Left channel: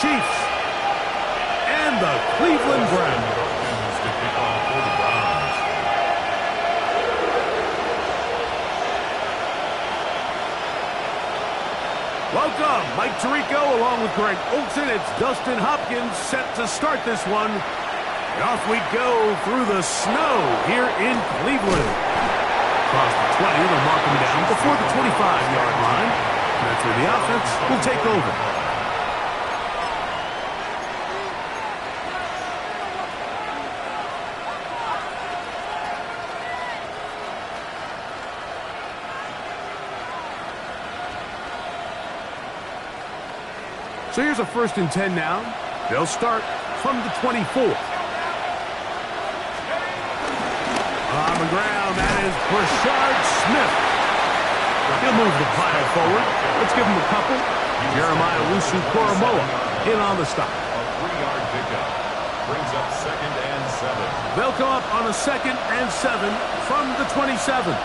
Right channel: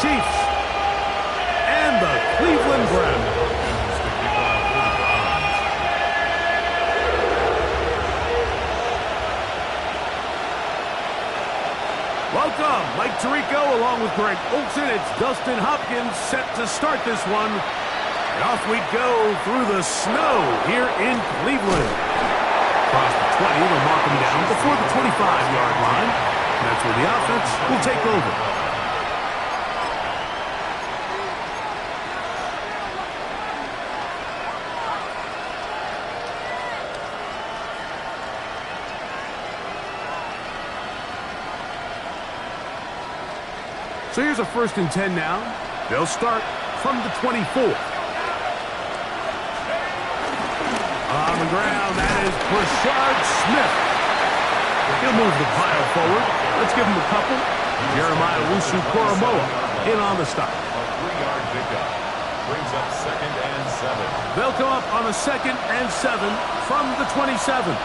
Chiefs and the Cleveland Browns. Welcome, Mike Tirico along with Greg Olson. It's Dustin Hopkins set to start this one. And off we go through the snow here in Cleveland. Across the 20, they'll mark him down before the 25-yard line. And that's where the offense will take over. So here's a 1st and 10 now. They'll start from the 24. On the ground, that is Brashard Smith. He'll move the pile forward. Let's give him a couple. Jeremiah Owusu-Koramoah in on the stop. A 3-yard pickup brings up 2nd and 7. They'll come up on a 2nd and 7 from the 27.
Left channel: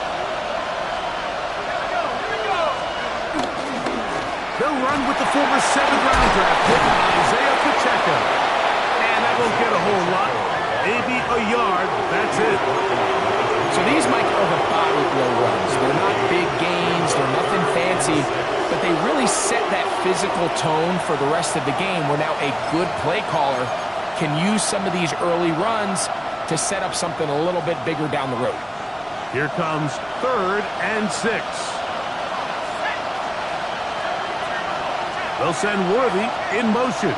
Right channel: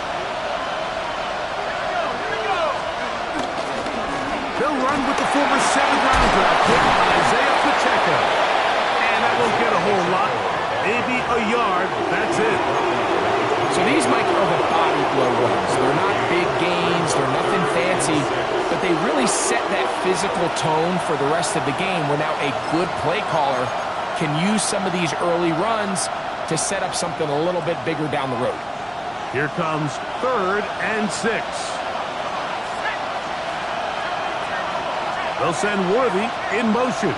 They'll run with the former 7th-round draft pick, Isaiah Pacheco. And that won't get a whole lot. Maybe a yard. That's it. So these, Mike, are the body blow runs. They're not big gains. They're nothing fancy. But they really set that physical tone for the rest of the game where now a good play caller can use some of these early runs to set up something a little bit bigger down the road. Here comes 3rd and 6. They'll send Worthy in motion.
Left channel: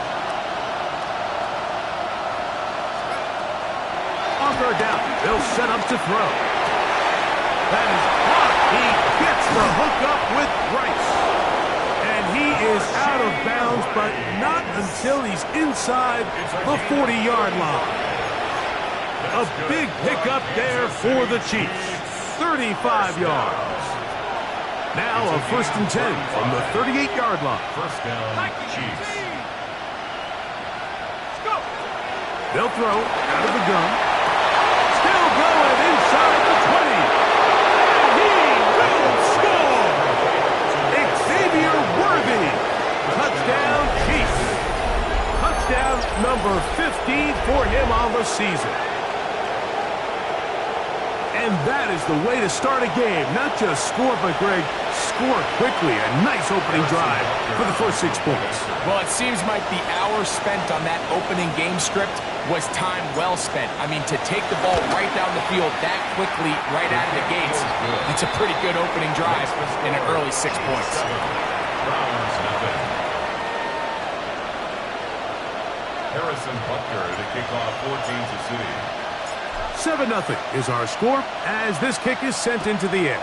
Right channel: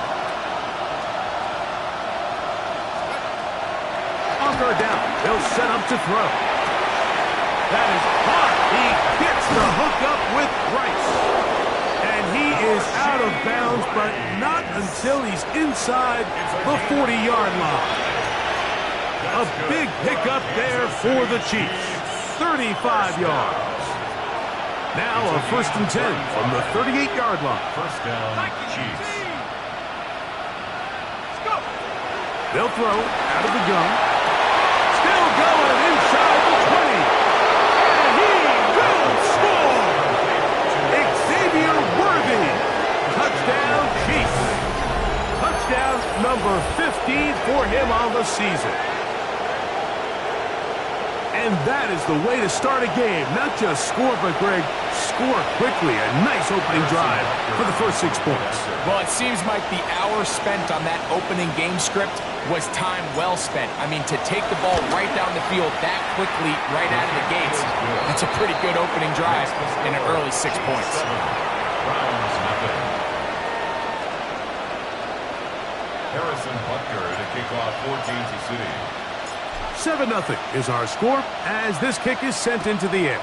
On 3rd down, they'll set up to throw. That is hot. He gets the hookup with Rice. And he is out of bounds, but not until he's inside the 40-yard line. A big pickup there for the Chiefs. 35 yards. Now a 1st and 10 from the 38-yard line. 1st down, Chiefs. They'll throw out of the gun. Still going inside the 20. And he will score. Xavier Worthy. Touchdown, Chiefs. Touchdown number 15 for him on the season. And that is the way to start a game. Not just score, but, Greg, score quickly. A nice opening drive for the first 6 points. Well, it seems like the hour spent on that opening game script was time well spent. I mean, to take the ball right down the field that quickly right out of the gates, that's a pretty good opening drive in an early 6 points. Browns nothing. Harrison Butker to kick off for Kansas City. 7-0 is our score as this kick is sent into the air.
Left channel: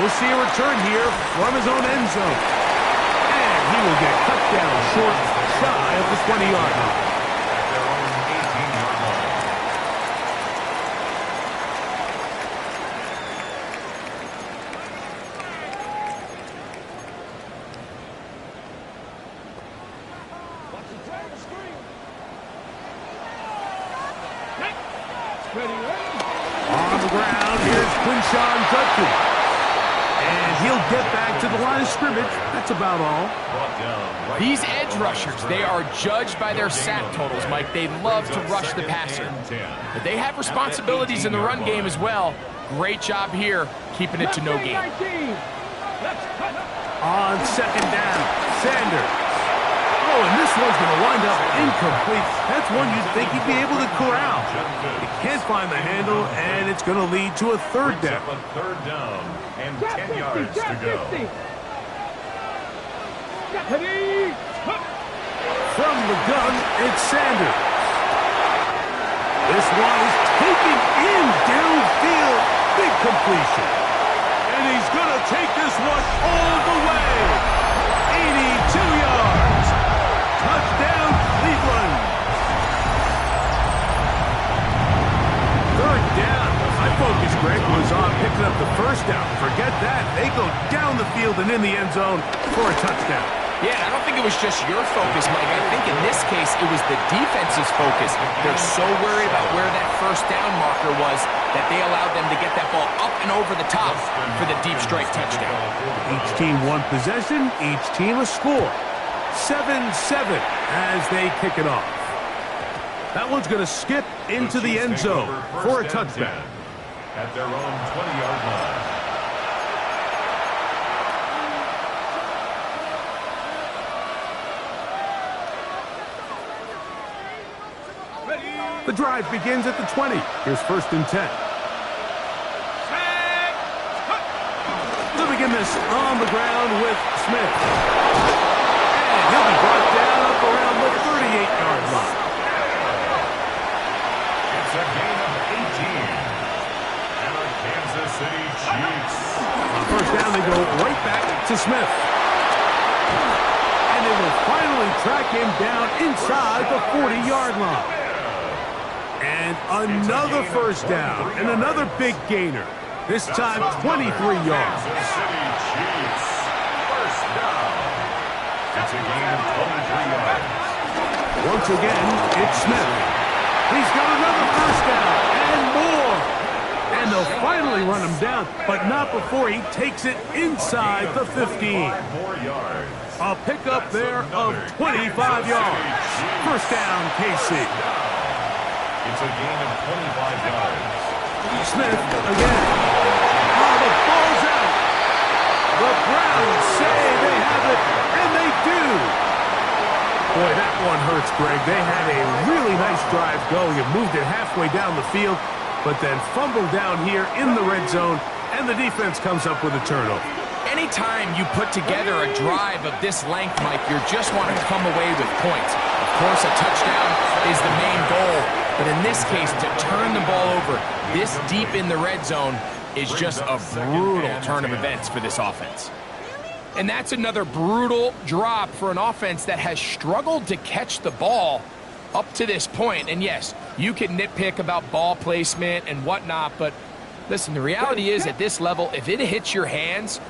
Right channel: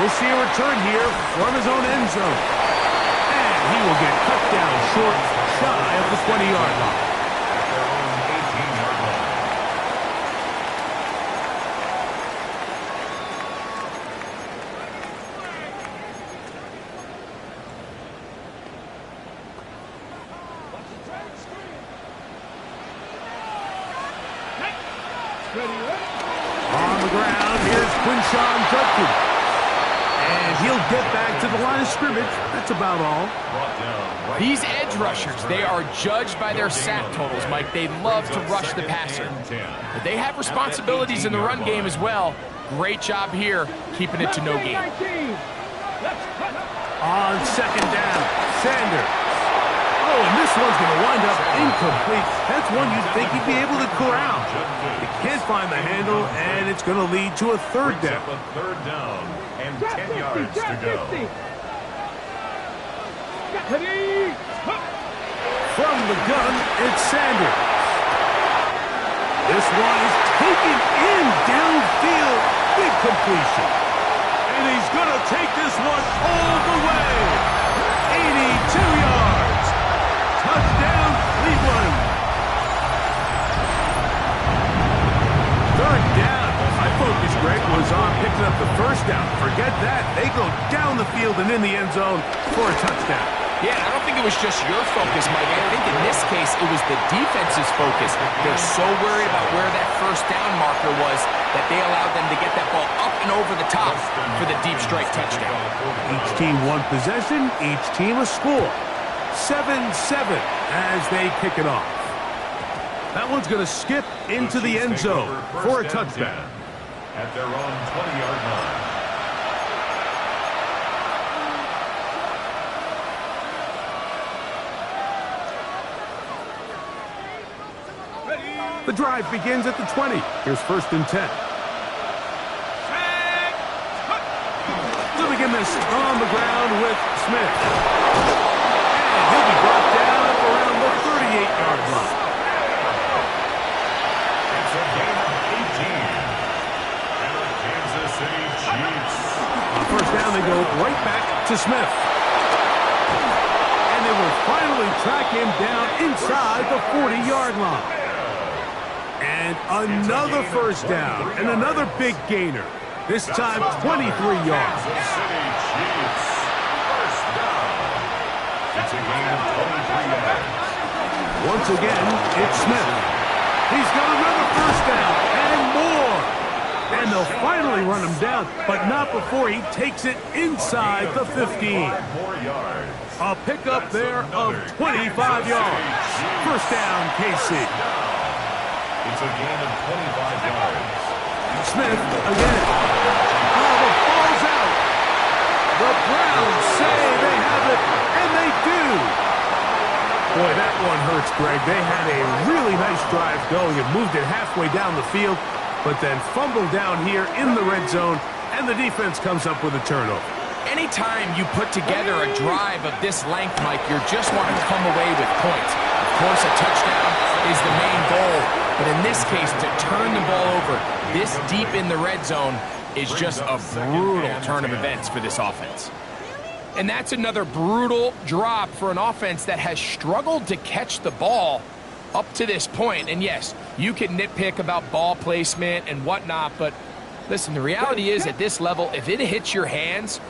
We'll see a return here from his own end zone. And he will get cut down short, shy of the 20-yard line. At their own 18-yard line. On the ground, here's Quinshon Judkins. And he'll get back to the line of scrimmage. That's about all. These edge rushers, they are judged by their sack totals, Mike. They love to rush the passer. But they have responsibilities in the run game as well. Great job here, keeping it to no gain. On 2nd down, Sanders. Oh, and this one's going to wind up incomplete. That's one you'd think he'd be able to corral. He can't find the handle, and it's going to lead to a 3rd down. A 3rd down and 10 yards to go. From the gun, it's Sanders. This one is taken in downfield. Big completion. And he's going to take this one all the way. 82 yards. Touchdown, Cleveland. 3rd down. My focus, Greg, was on picking up the 1st down. Forget that. They go down the field and in the end zone for a touchdown. Yeah, and I don't think it was just your focus, Mike. I think in this case, it was the defense's focus. They're so worried about where that first down marker was that they allowed them to get that ball up and over the top for the deep strike touchdown. Each team one possession, each team a score. 7-7 as they kick it off. That one's going to skip into the end zone for a touchdown. At their own 20-yard line. The drive begins at the 20. Here's 1st and 10. They'll begin this on the ground with Smith. And he'll be brought down up around the 38-yard line. It's a gain of 18. And the Kansas City Chiefs. On first down, they go right back to Smith. And they will finally track him down inside the 40-yard line. And another first down, and another big gainer. This time, 23 yards. Kansas City Chiefs. First down. It's a gain of 23 yards. Once again, it's Smith. He's got another first down, and more. And they'll finally run him down, but not before he takes it inside the 15. More yards. A pickup there of 25 yards. First down, KC. It's a gain of 25 yards. Smith again. Oh, the ball's out. The Browns say they have it, and they do. Boy, that one hurts, Greg. They had a really nice drive going and moved it halfway down the field, but then fumbled down here in the red zone, and the defense comes up with a turnover. Anytime you put together a drive of this length, Mike, you just want to come away with points. Of course, a touchdown is the main goal, but in this case, to turn the ball over this deep in the red zone is just a brutal turn of events for this offense. And that's another brutal drop for an offense that has struggled to catch the ball up to this point. And yes, you can nitpick about ball placement and whatnot, but listen, the reality is at this level, if it hits your hands,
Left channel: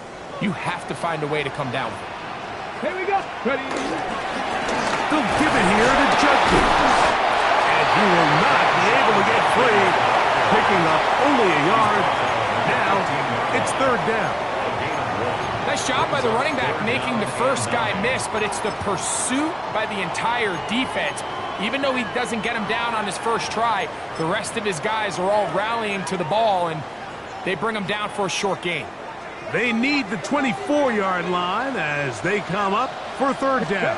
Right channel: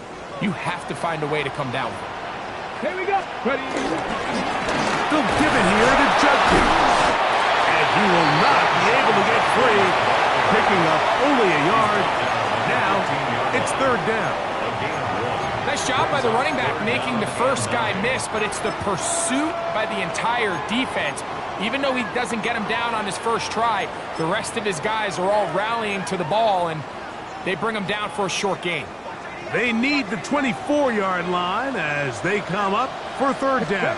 you have to find a way to come down with it. Here we go. Ready. They'll give it here to Judkins. And he will not be able to get free. Picking up only a yard. Now it's 3rd down. Nice job by the running back making the first guy miss, but it's the pursuit by the entire defense. Even though he doesn't get him down on his first try, the rest of his guys are all rallying to the ball, and they bring him down for a short gain. They need the 24-yard line as they come up for 3rd down.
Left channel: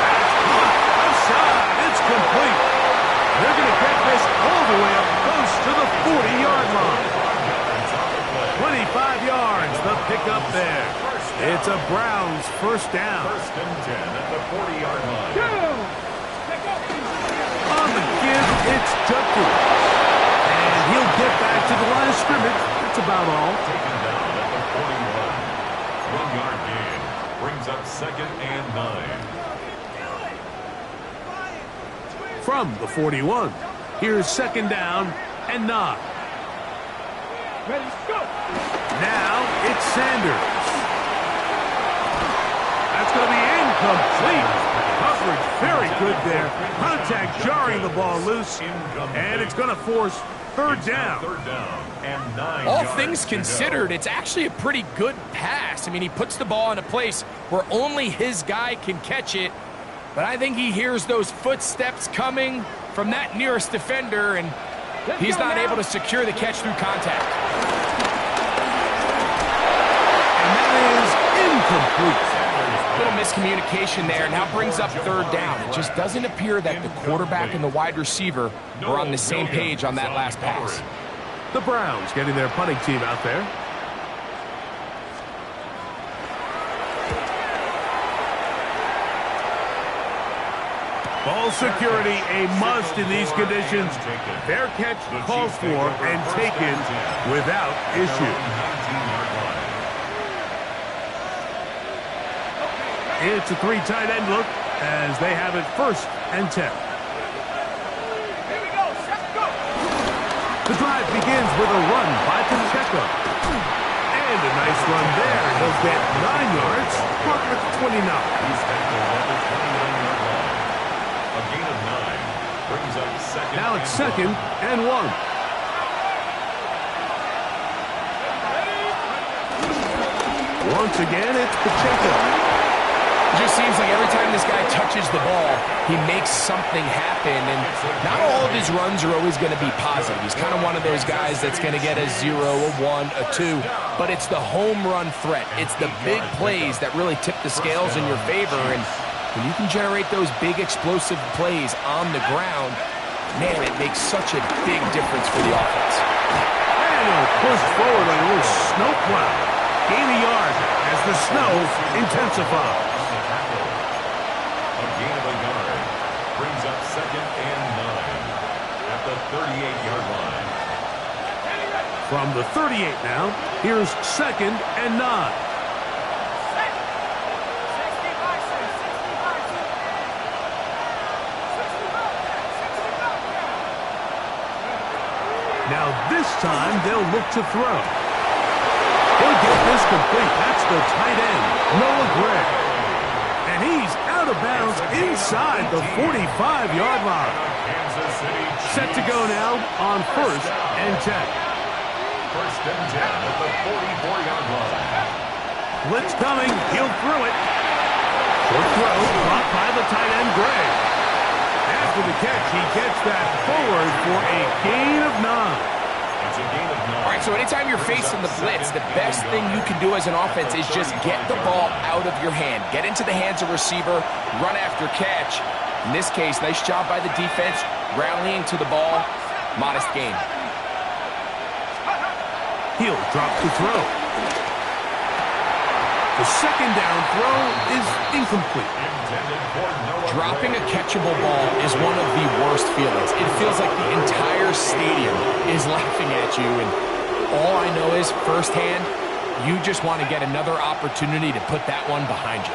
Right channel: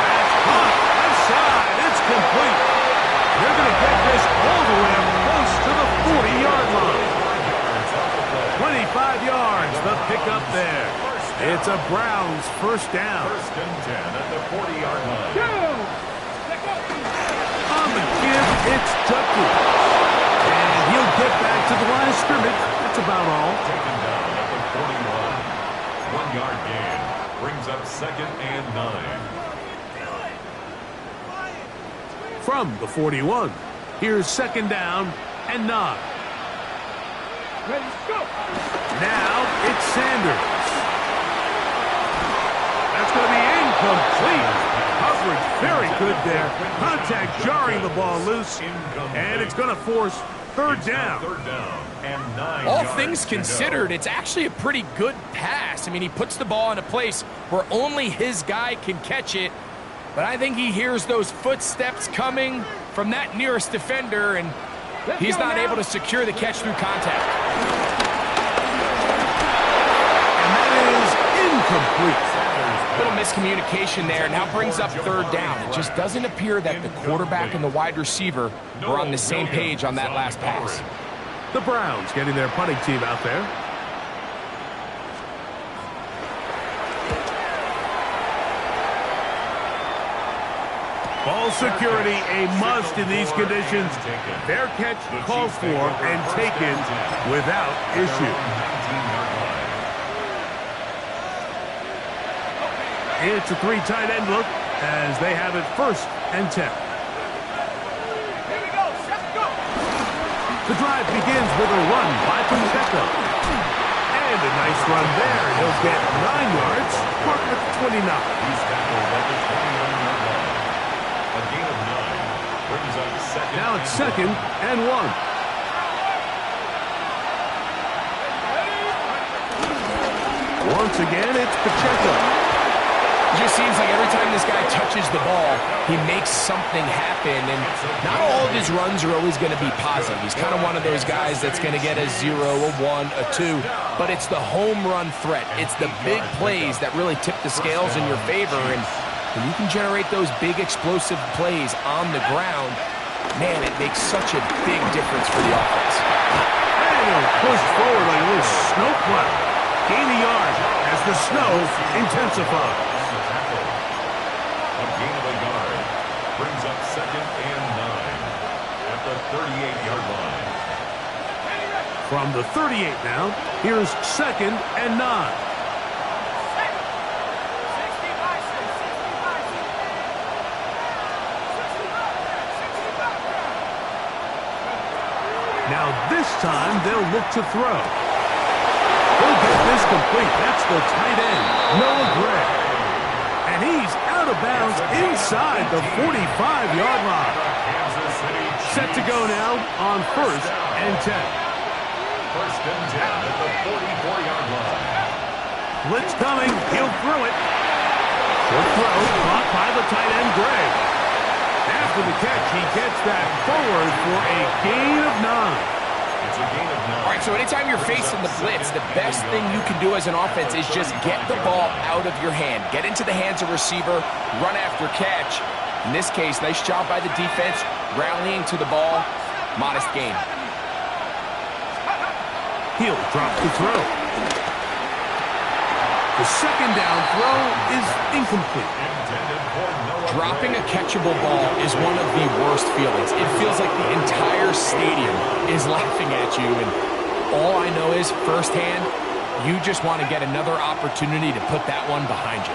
That's hot. Left side. It's complete. They're going to get this all the way up close to the 40-yard line. 25 yards, the pickup there. It's a Browns first down. 1st and 10 at the 40-yard line. On the give, it's Judkins. And he'll get back to the line of scrimmage. That's about all. Taken down at the 41. 1-yard gain. Brings up 2nd and 9. From the 41, here's 2nd down and 9. Ready, go! Now it's Sanders. That's going to be incomplete. Coverage very good there. Contact jarring the ball loose. And it's going to force 3rd down. 3rd down and 9 All yards things considered, it's actually a pretty good pass. I mean, he puts the ball in a place where only his guy can catch it. But I think he hears those footsteps coming from that nearest defender, and he's not able to secure the catch through contact. And that is incomplete. Little miscommunication there. Now brings up 3rd down. It just doesn't appear that the quarterback and the wide receiver were on the same page on that last pass. The Browns getting their punting team out there. Ball security a must in these conditions. Fair catch called for and taken without issue. It's a 3 tight end look as they have it 1st and 10. The drive begins with a run by Pacheco. And a nice run there. He'll get 9 yards. Mark at the 29. He's tackled at the 29-yard line. A gain of 9 brings up second. Now it's second and 1. Once again, it's Pacheco. It just seems like every time this guy touches the ball, he makes something happen, and not all of his runs are always going to be positive. He's kind of one of those guys that's going to get a 0, a 1, a 2, but it's the home run threat. It's the big plays that really tip the scales in your favor, and when you can generate those big explosive plays on the ground, man, it makes such a big difference for the offense. And he'll push forward like a little snowplow. Gain a yard as the snow intensifies. A gain of a yard brings up second and 9 at the 38-yard line. From the 38 now, here's second and 9. Now this time they'll look to throw. He'll get this complete. That's the tight end, Noah Gray. And he's out of bounds inside the 45-yard line. Set to go now on first and 10. First and 10 at the 44-yard line. Blitz coming. He'll throw it. Short throw caught by the tight end, Gray. After the catch, he gets that forward for a gain of 9. It's a gain of 9. All right, so anytime you're facing the blitz, the best thing you can do as an offense is just get the ball out of your hand. Get into the hands of receiver, run after catch. In this case, nice job by the defense, rallying to the ball. Modest gain. He'll drop the throw. The second down throw is incomplete. Dropping a catchable ball is one of the worst feelings. It feels like the entire stadium is laughing at you, and all I know is firsthand, you just want to get another opportunity to put that one behind you.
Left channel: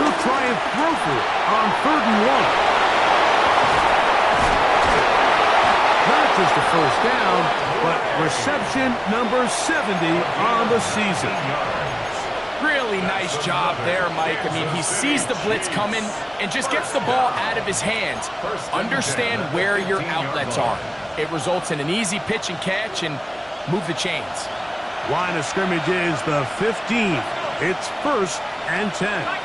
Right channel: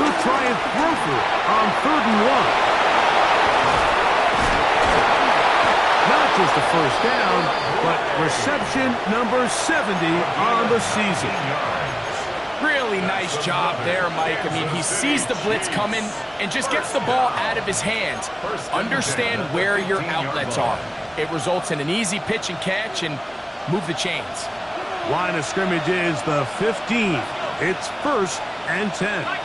They'll try and throw for it on 3rd and 1. Not just a first down, but reception number 70 on the season. Really nice job there, Mike. I mean, he sees the blitz coming and just gets the ball out of his hands. Understand where your outlets are. It results in an easy pitch and catch and move the chains. Line of scrimmage is the 15. It's 1st and 10.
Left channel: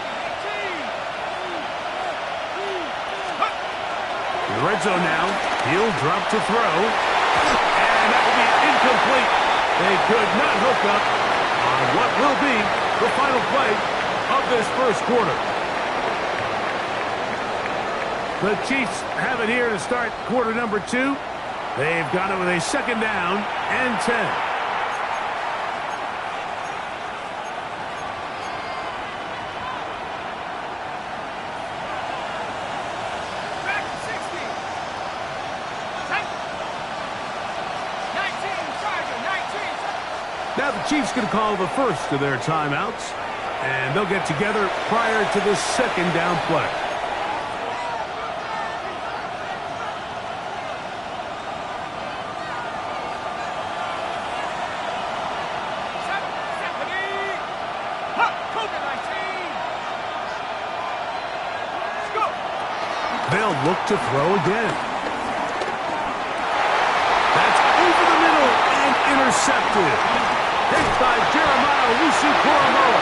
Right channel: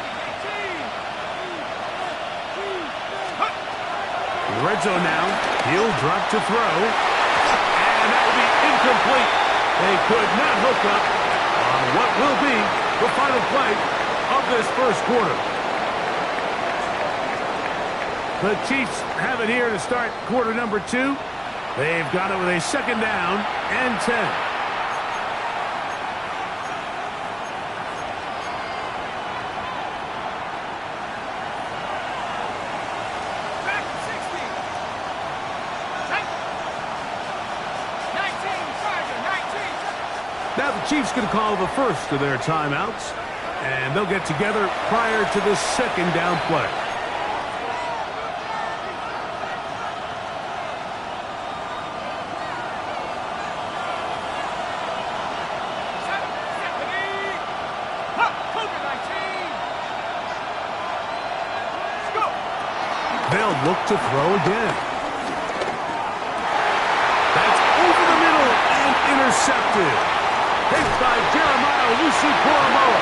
In the red zone now, he'll drop to throw. And that will be incomplete. They could not hook up on what will be the final play of this first quarter. The Chiefs have it here to start quarter number 2. They've got it with a second down and 10. Now the Chiefs going to call the first of their timeouts, and they'll get together prior to the second down play. They'll look to throw again. That's over the middle and intercepted. Hit by Jeremiah Owusu-Koramoah.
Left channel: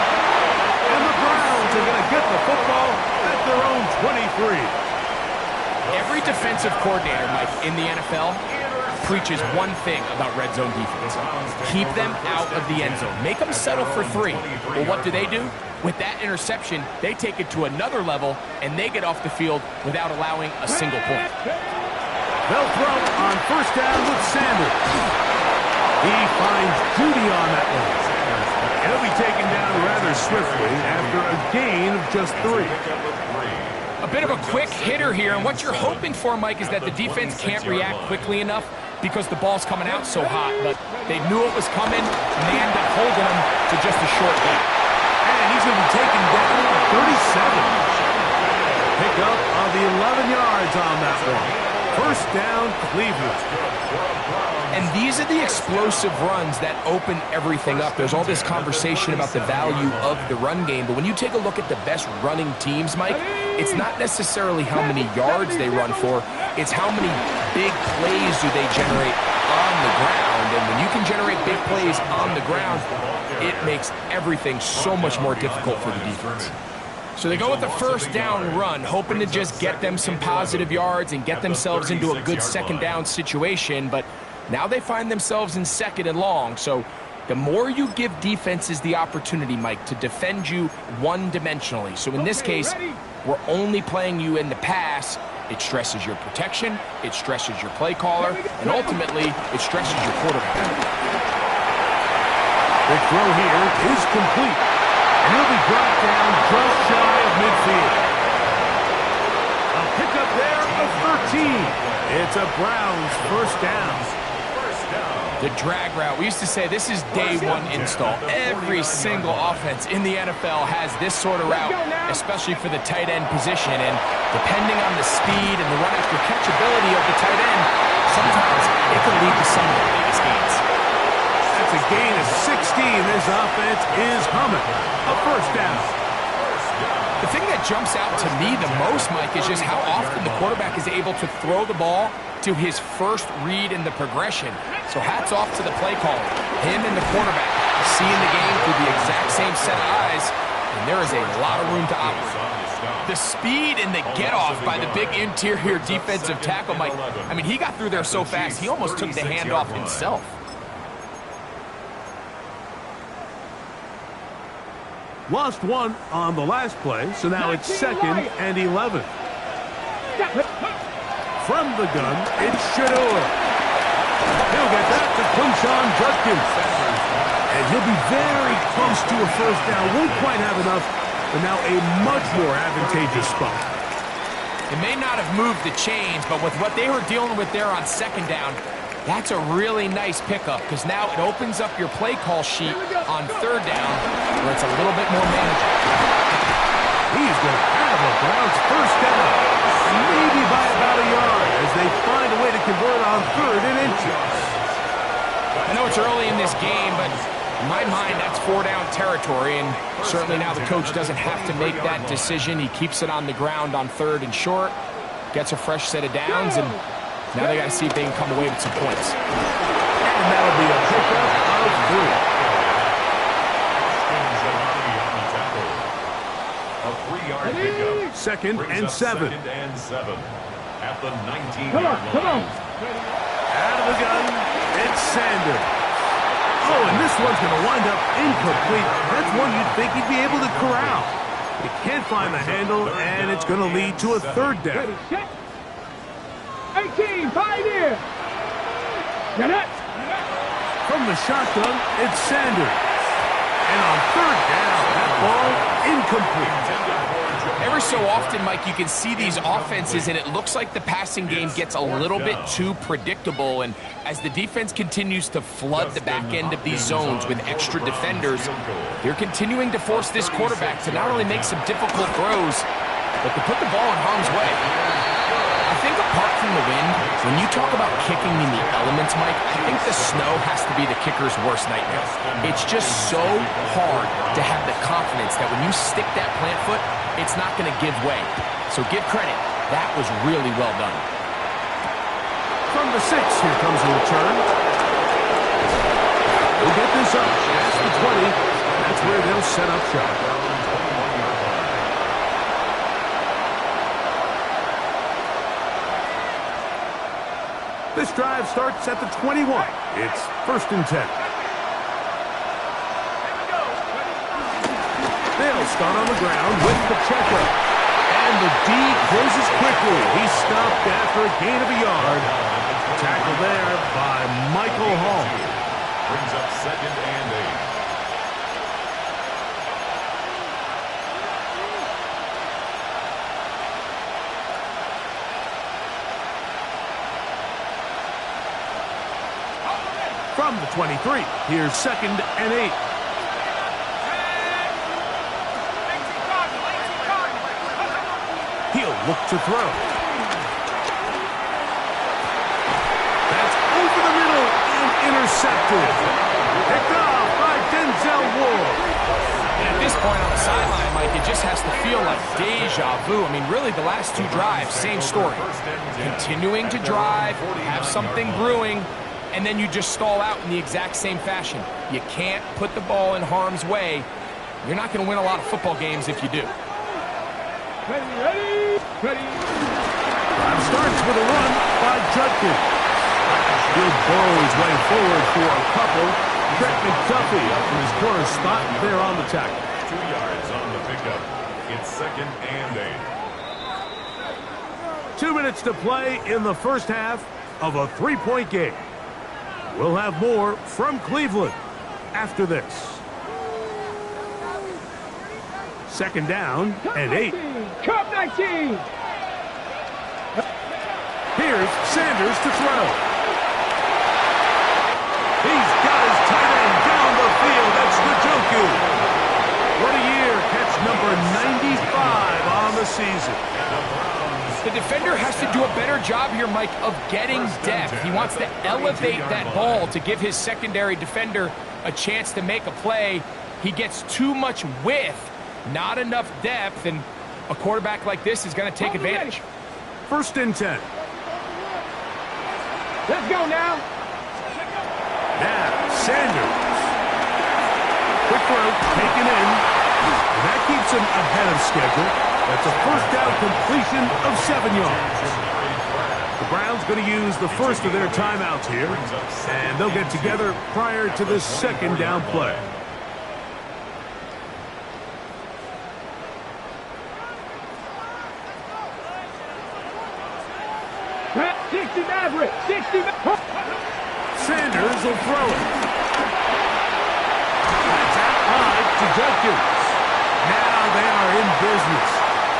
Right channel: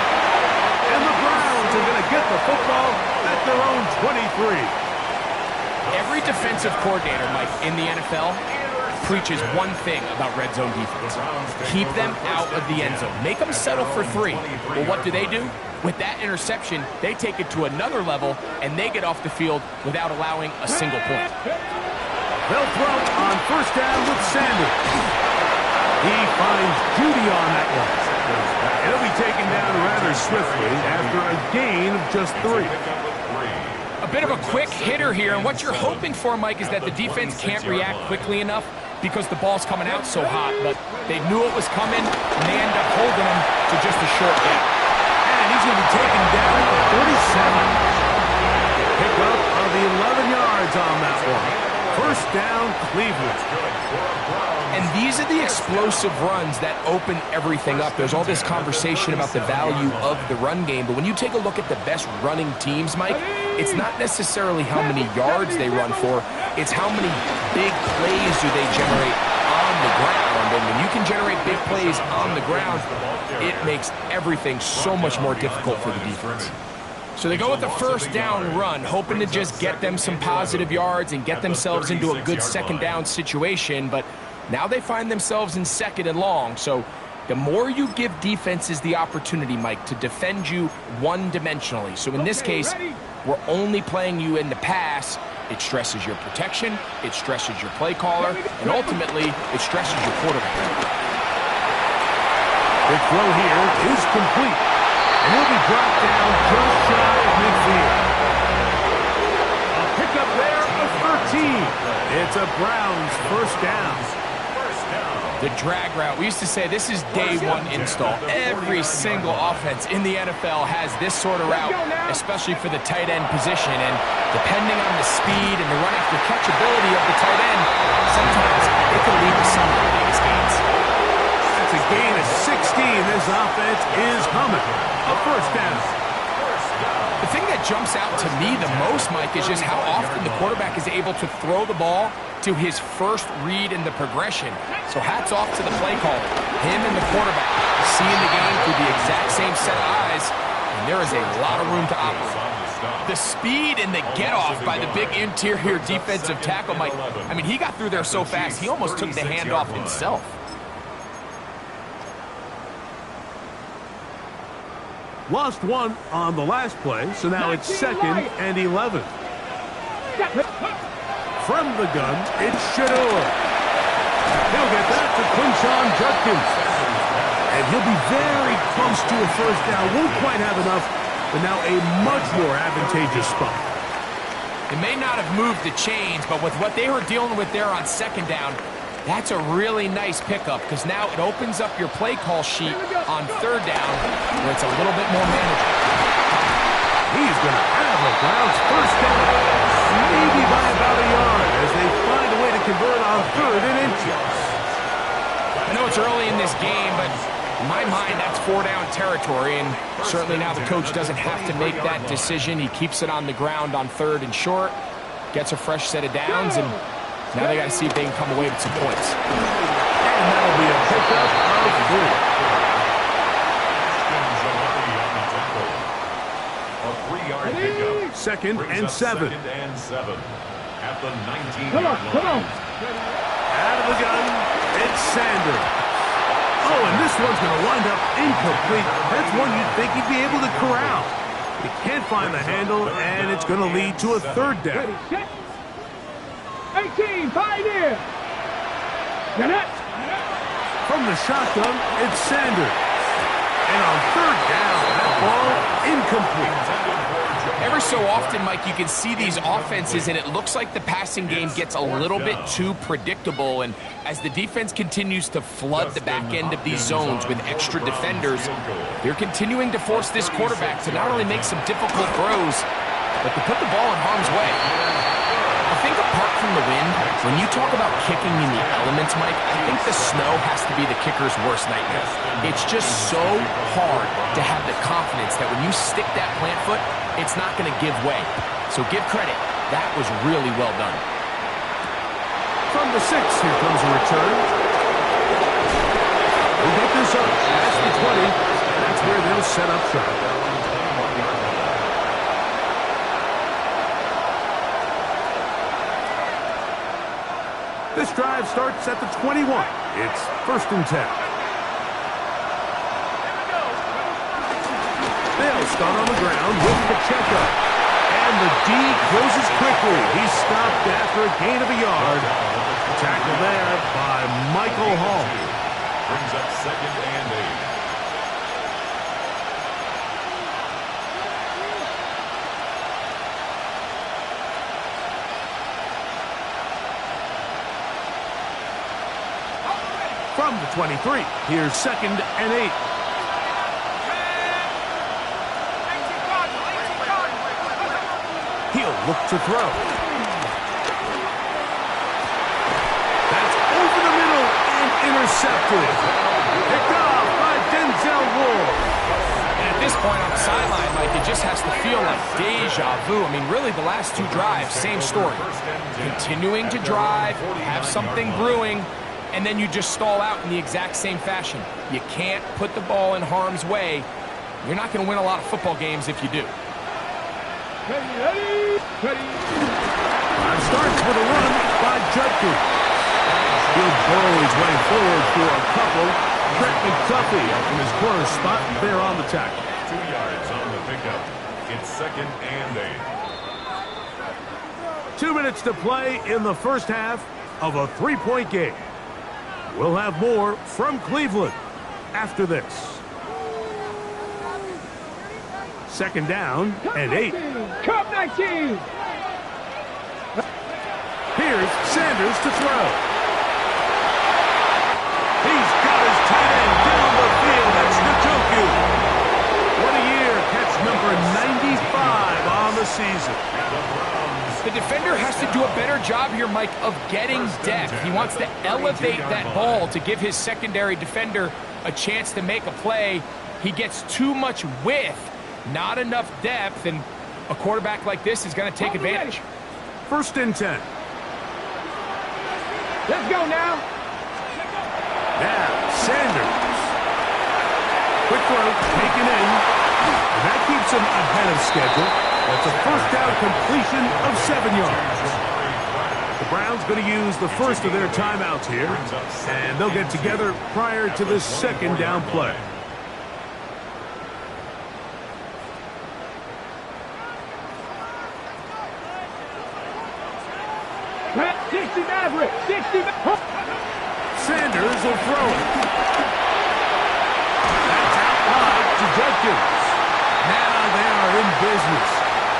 And the Browns are going to get the football at their own 23. Every defensive coordinator, Mike, in the NFL preaches one thing about red zone defense. Keep them out of the end zone. Make them settle for 3. Well, what do? With that interception, they take it to another level, and they get off the field without allowing a single point. They'll throw on first down with Sanders. He finds Judy on that one. He'll be taken down rather swiftly after a gain of just 3. A bit of a quick hitter here, and what you're hoping for, Mike, is that the defense can't react quickly enough because the ball's coming out so hot, but they knew it was coming, and they end up holding him to just a short gain. And he's going to be taken down at the 37. Pick up of the 11 yards on that one. First down, Cleveland. And these are the explosive runs that open everything up. There's all this conversation about the value of the run game, but when you take a look at the best running teams, Mike, it's not necessarily how many yards they run for, it's how many big plays do they generate on the ground. And when you can generate big plays on the ground, it makes everything so much more difficult for the defense. So they go with the first down run, hoping to just get them some positive yards and get themselves into a good second down situation, but now they find themselves in second and long. So the more you give defenses the opportunity, Mike, to defend you one-dimensionally. So in this case, we're only playing you in the pass. It stresses your protection, it stresses your play caller, and ultimately, it stresses your quarterback. The throw here is complete. And he'll be brought down just shy of midfield. A pickup there of 13. It's a Browns first down. The drag route. We used to say this is day one install. Every single offense in the NFL has this sort of route, especially for the tight end position. And depending on the speed and the run after catch ability of the tight end, sometimes it can lead to some of the biggest gains. That's a gain of 16. This offense is humming. A first down. The thing that jumps out to me the most, Mike, is just how often the quarterback is able to throw the ball to his first read in the progression. So hats off to the play caller. Him and the quarterback seeing the game through the exact same set of eyes, and there is a lot of room to operate. The speed and the get-off by the big interior defensive tackle, Mike, I mean, he got through there so fast, he almost took the handoff himself. Lost one on the last play, so now it's second and 11. From the gun, it's Shedeur. He'll get that to Quinshon Judkins. And he'll be very close to a first down. Won't quite have enough, but now a much more advantageous spot. It may not have moved the chains, but with what they were dealing with there on second down, that's a really nice pickup because now it opens up your play call sheet on third down where it's a little bit more manageable. He's going to have a Browns first down, maybe by about a yard as they find a way to convert on 3rd and inches. I know it's early in this game, but in my mind, that's 4-down territory, and certainly now the coach doesn't have to make that decision. He keeps it on the ground on 3rd and short, gets a fresh set of downs, and now they got to see if they can come away with some points. And that'll be a pickup of 3. A 3-yard pickup. Second and 7. Second and 7 at the 19-yard line. Come on. Out of the gun, it's Sanders. Oh, and this one's going to wind up incomplete. That's one you'd think he'd be able to corral. He can't find the handle, and it's going to lead to a 3rd down. 18, Pioneer. Get it. From the shotgun, it's Sanders. And on 3rd down, that ball incomplete. Every so often, Mike, you can see these offenses, and it looks like the passing game gets a little bit too predictable. And as the defense continues to flood the back end of these zones with extra defenders, they're continuing to force this quarterback to not only make some difficult throws, but to put the ball in harm's way. I think apart from the wind, when you talk about kicking in the elements, Mike, I think the snow has to be the kicker's worst nightmare. It's just so hard to have the confidence that when you stick that plant foot, it's not going to give way. So give credit. That was really well done. From the 6, here comes a return. We'll get this up past the 20. That's where they'll set up shop. This drive starts at the 21. It's 1st and 10. They'll start on the ground with Pacheco. And the D closes quickly. He's stopped after a gain of a yard. Tackle there by Michael Hall. Brings up 2nd and 8. From the 23, here's 2nd and 8. He'll look to throw. That's over the middle and intercepted. Picked off by Denzel Ward. And at this point on the sideline, Mike, it just has to feel like deja vu. I mean, really, the last two drives, same story. Continuing to drive, have something brewing, and then you just stall out in the exact same fashion. You can't put the ball in harm's way. You're not going to win a lot of football games if you do. Ready. Drive starts with a run by Judkins. He'll burrow his way forward for a couple. Trent McDuffie from his corner spot there on the tackle. 2 yards on the pickup. It's 2nd and 8. 2 minutes to play in the first half of a 3-point game. We'll have more from Cleveland after this. 2nd down and 8. Cup 19. Here's Sanders to throw. He's got his tight end down the field. That's Njoku. What a year. Catch number 95 on the season. The defender has to do a better job here, Mike, of getting depth. He wants to elevate that ball to give his secondary defender a chance to make a play. He gets too much width, not enough depth, and a quarterback like this is going to take advantage. 1st and 10. Let's go now. Now, Sanders. Quick throw, taken in. And that keeps him ahead of schedule. That's a 1st down completion of 7 yards. The Browns going to use the first of their timeouts here, and they'll get together prior to this 2nd down play. Pat 60 Maverick. 60 Sanders will throw it. That's out wide to Judkins. Now they are in business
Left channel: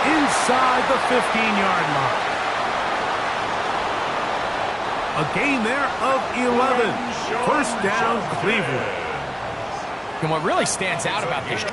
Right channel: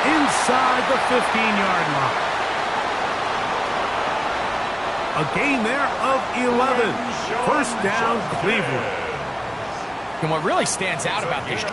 inside the 15-yard line. A gain there of 11. 1st down, Cleveland. And what really stands out about this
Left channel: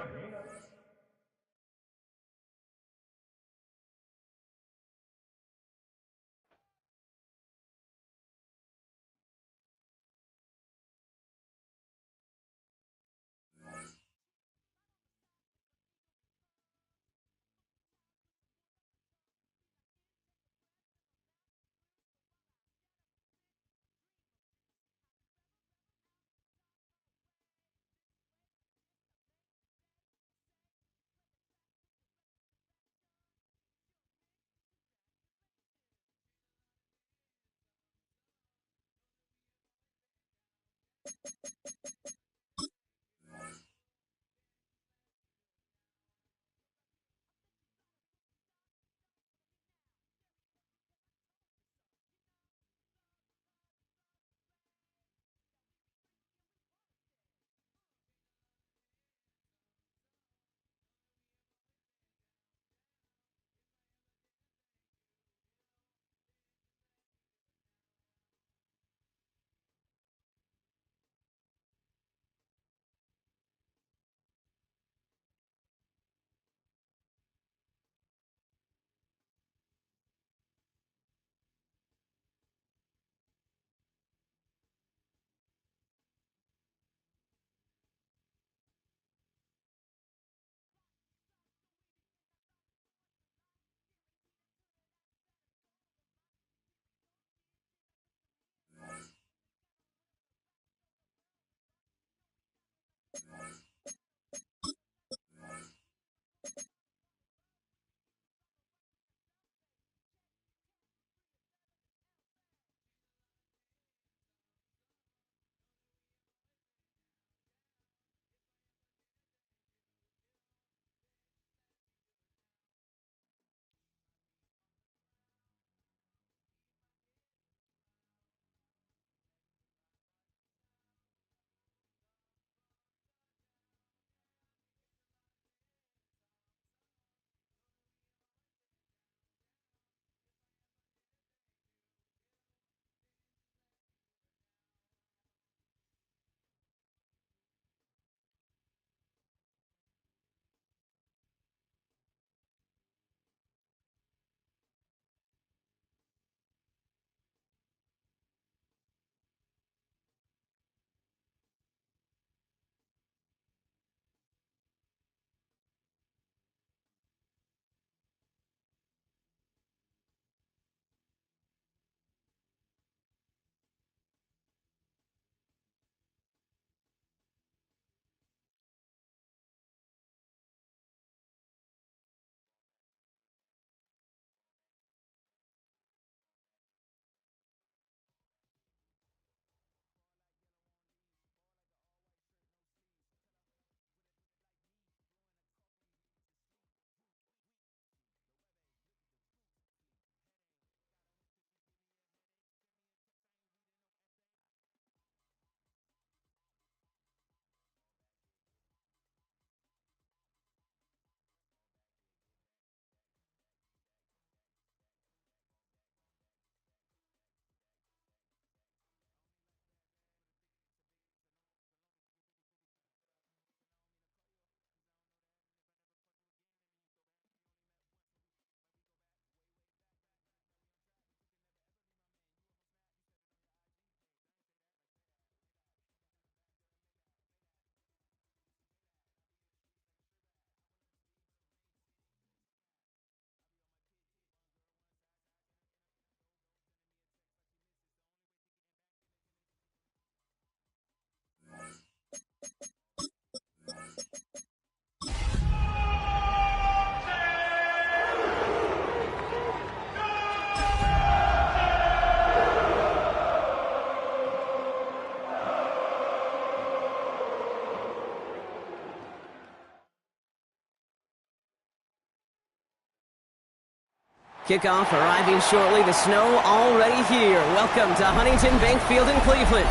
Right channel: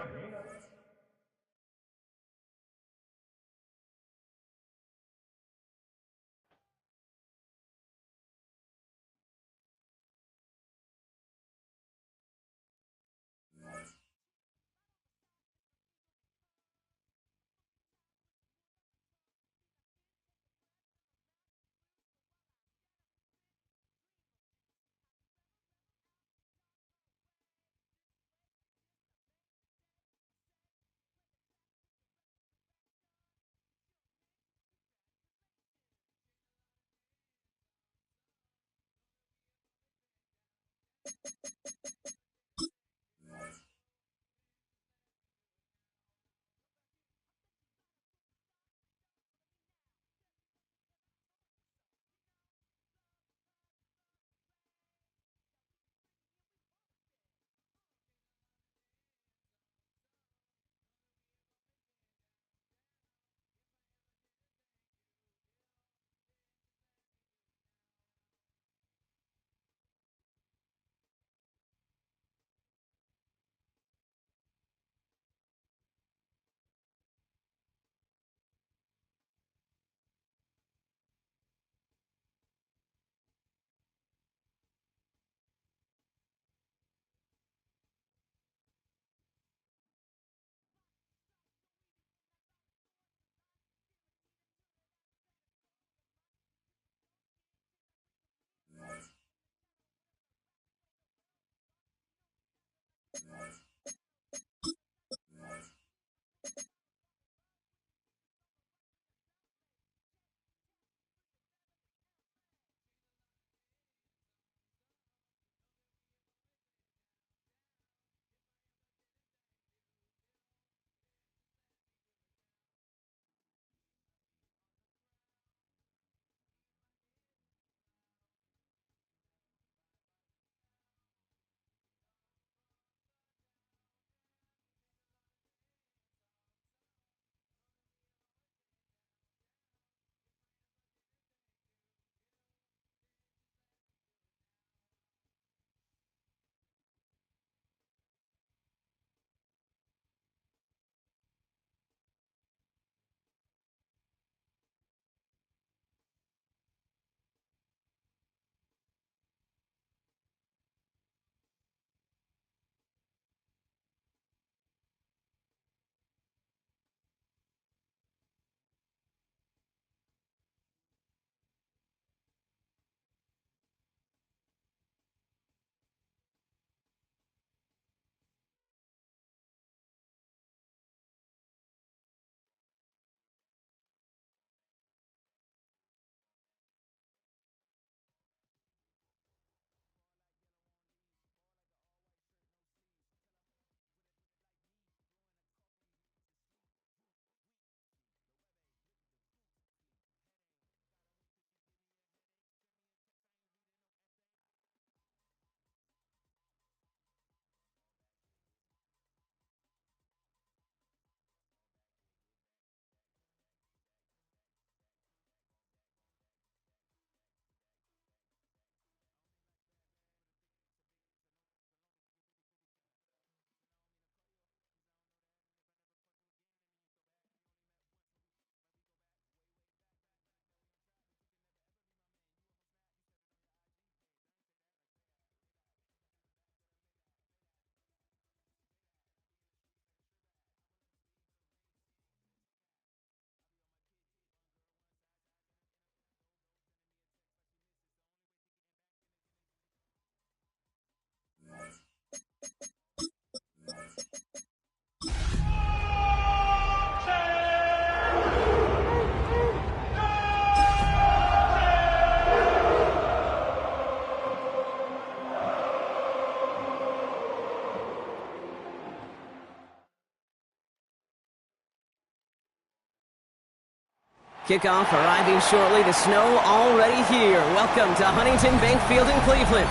Kickoff arriving shortly. The snow already here. Welcome to Huntington Bank Field in Cleveland.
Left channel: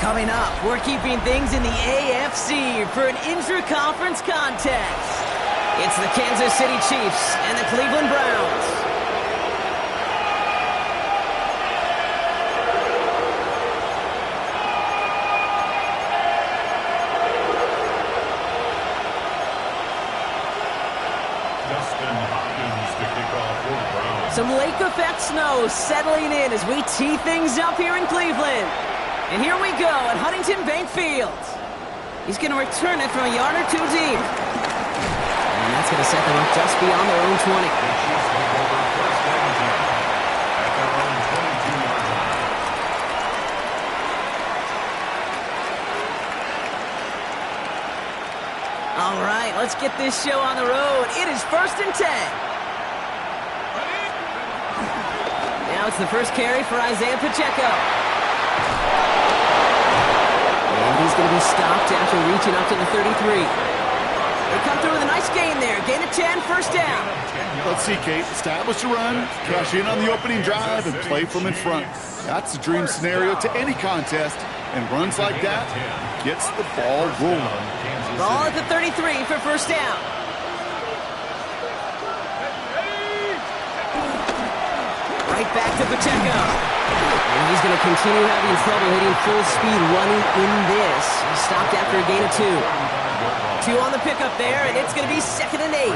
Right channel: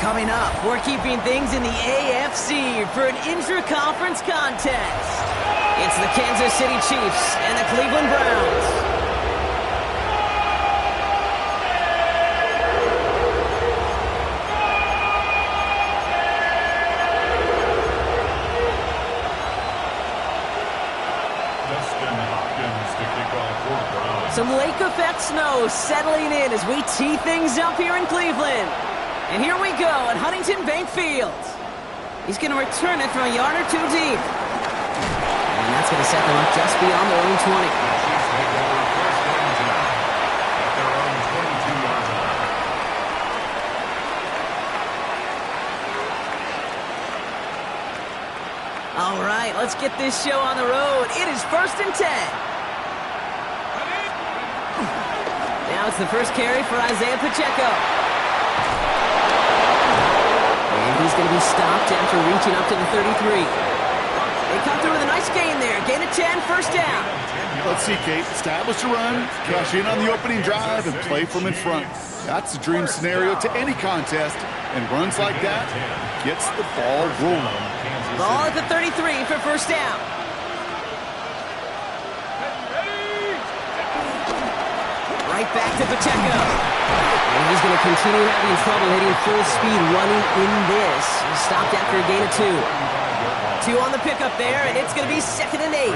Coming up, we're keeping things in the AFC for an intra-conference contest. It's the Kansas City Chiefs and the Cleveland Browns. Some lake effect snow settling in as we tee things up here in Cleveland. And here we go at Huntington Bank Field. He's going to return it from a yard or two deep. And that's going to set them up just beyond their own 20. The Chiefs take over first and 10 at their own 22-yard line. All right, let's get this show on the road. It is first and 10. Now it's the first carry for Isaiah Pacheco. And he's going to be stopped after reaching up to the 33. They come through with a nice gain there. Gain of 10, first down. Let's see, Kate. Establish a run, cash in on the opening drive, and play from in front. That's the dream scenario to any contest. And runs like that gets the ball rolling. Ball at the 33 for first down. Right back to Pacheco. And he's going to continue having trouble hitting full speed running in this. He stopped after a gain of 2. 2 on the pickup there, and it's going to be second and 8.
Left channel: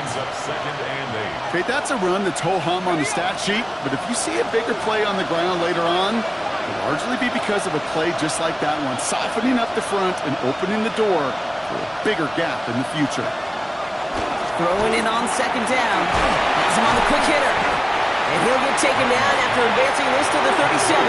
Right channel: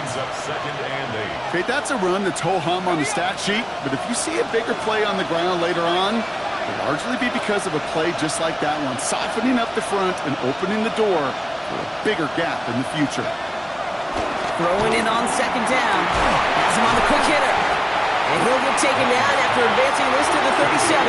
Okay, that's a run that's ho-hum on the stat sheet, but if you see a bigger play on the ground later on, it'll largely be because of a play just like that one, softening up the front and opening the door for a bigger gap in the future. Throwing in on second down. Has him on the quick hitter. And he'll get taken down after advancing this to the 37.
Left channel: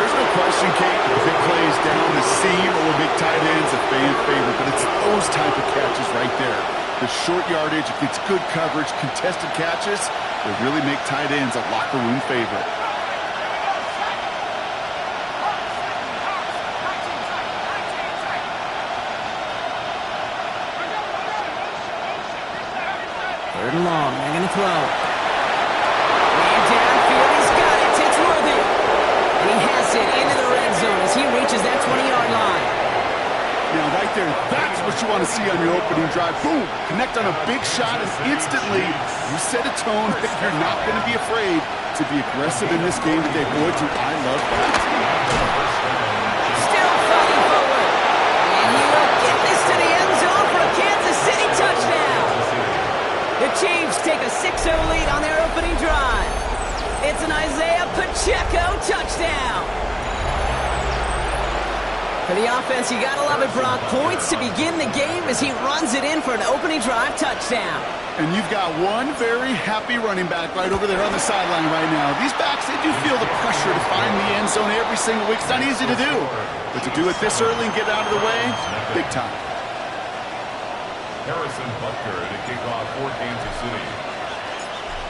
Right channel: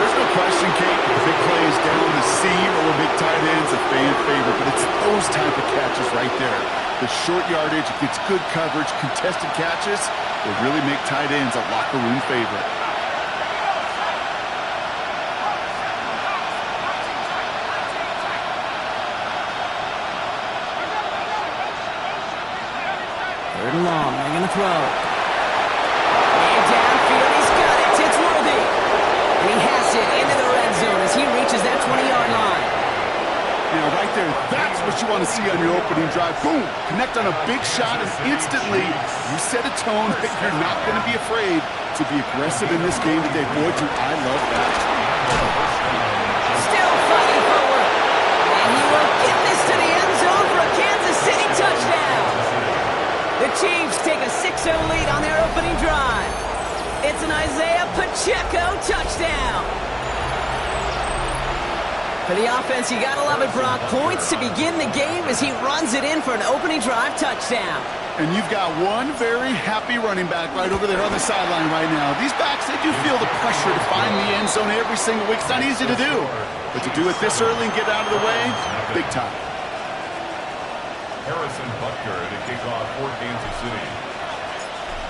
There's no question, Kate, the big play is down the seam or big tight ends a fan favorite, but it's those type of catches right there. The short yardage, it gets good coverage, contested catches, they really make tight ends a locker room favorite. Third and long, they're going to throw. And downfield, he's got it. It's Worthy. And he has it into the red zone as he reaches that 20-yard line. Now, right there, that's what you want to see on your opening drive. Boom! Connect on a big shot, and instantly you set a tone that you're not going to be afraid to be aggressive in this game today. Boy, do I love that. Still fighting forward. And he will get this to the end zone for a Kansas City touchdown. The Chiefs take a 6-0 lead on their opening drive. It's an Isaiah Pacheco touchdown. For the offense, you gotta love it, Brock. Points to begin the game as he runs it in for an opening drive touchdown. And you've got one very happy running back right over there on the sideline right now. These backs, they do feel the pressure to find the end zone every single week. It's not easy to do. But to do it this early and get out of the way, big time. Harrison Butker to kick off for Kansas City.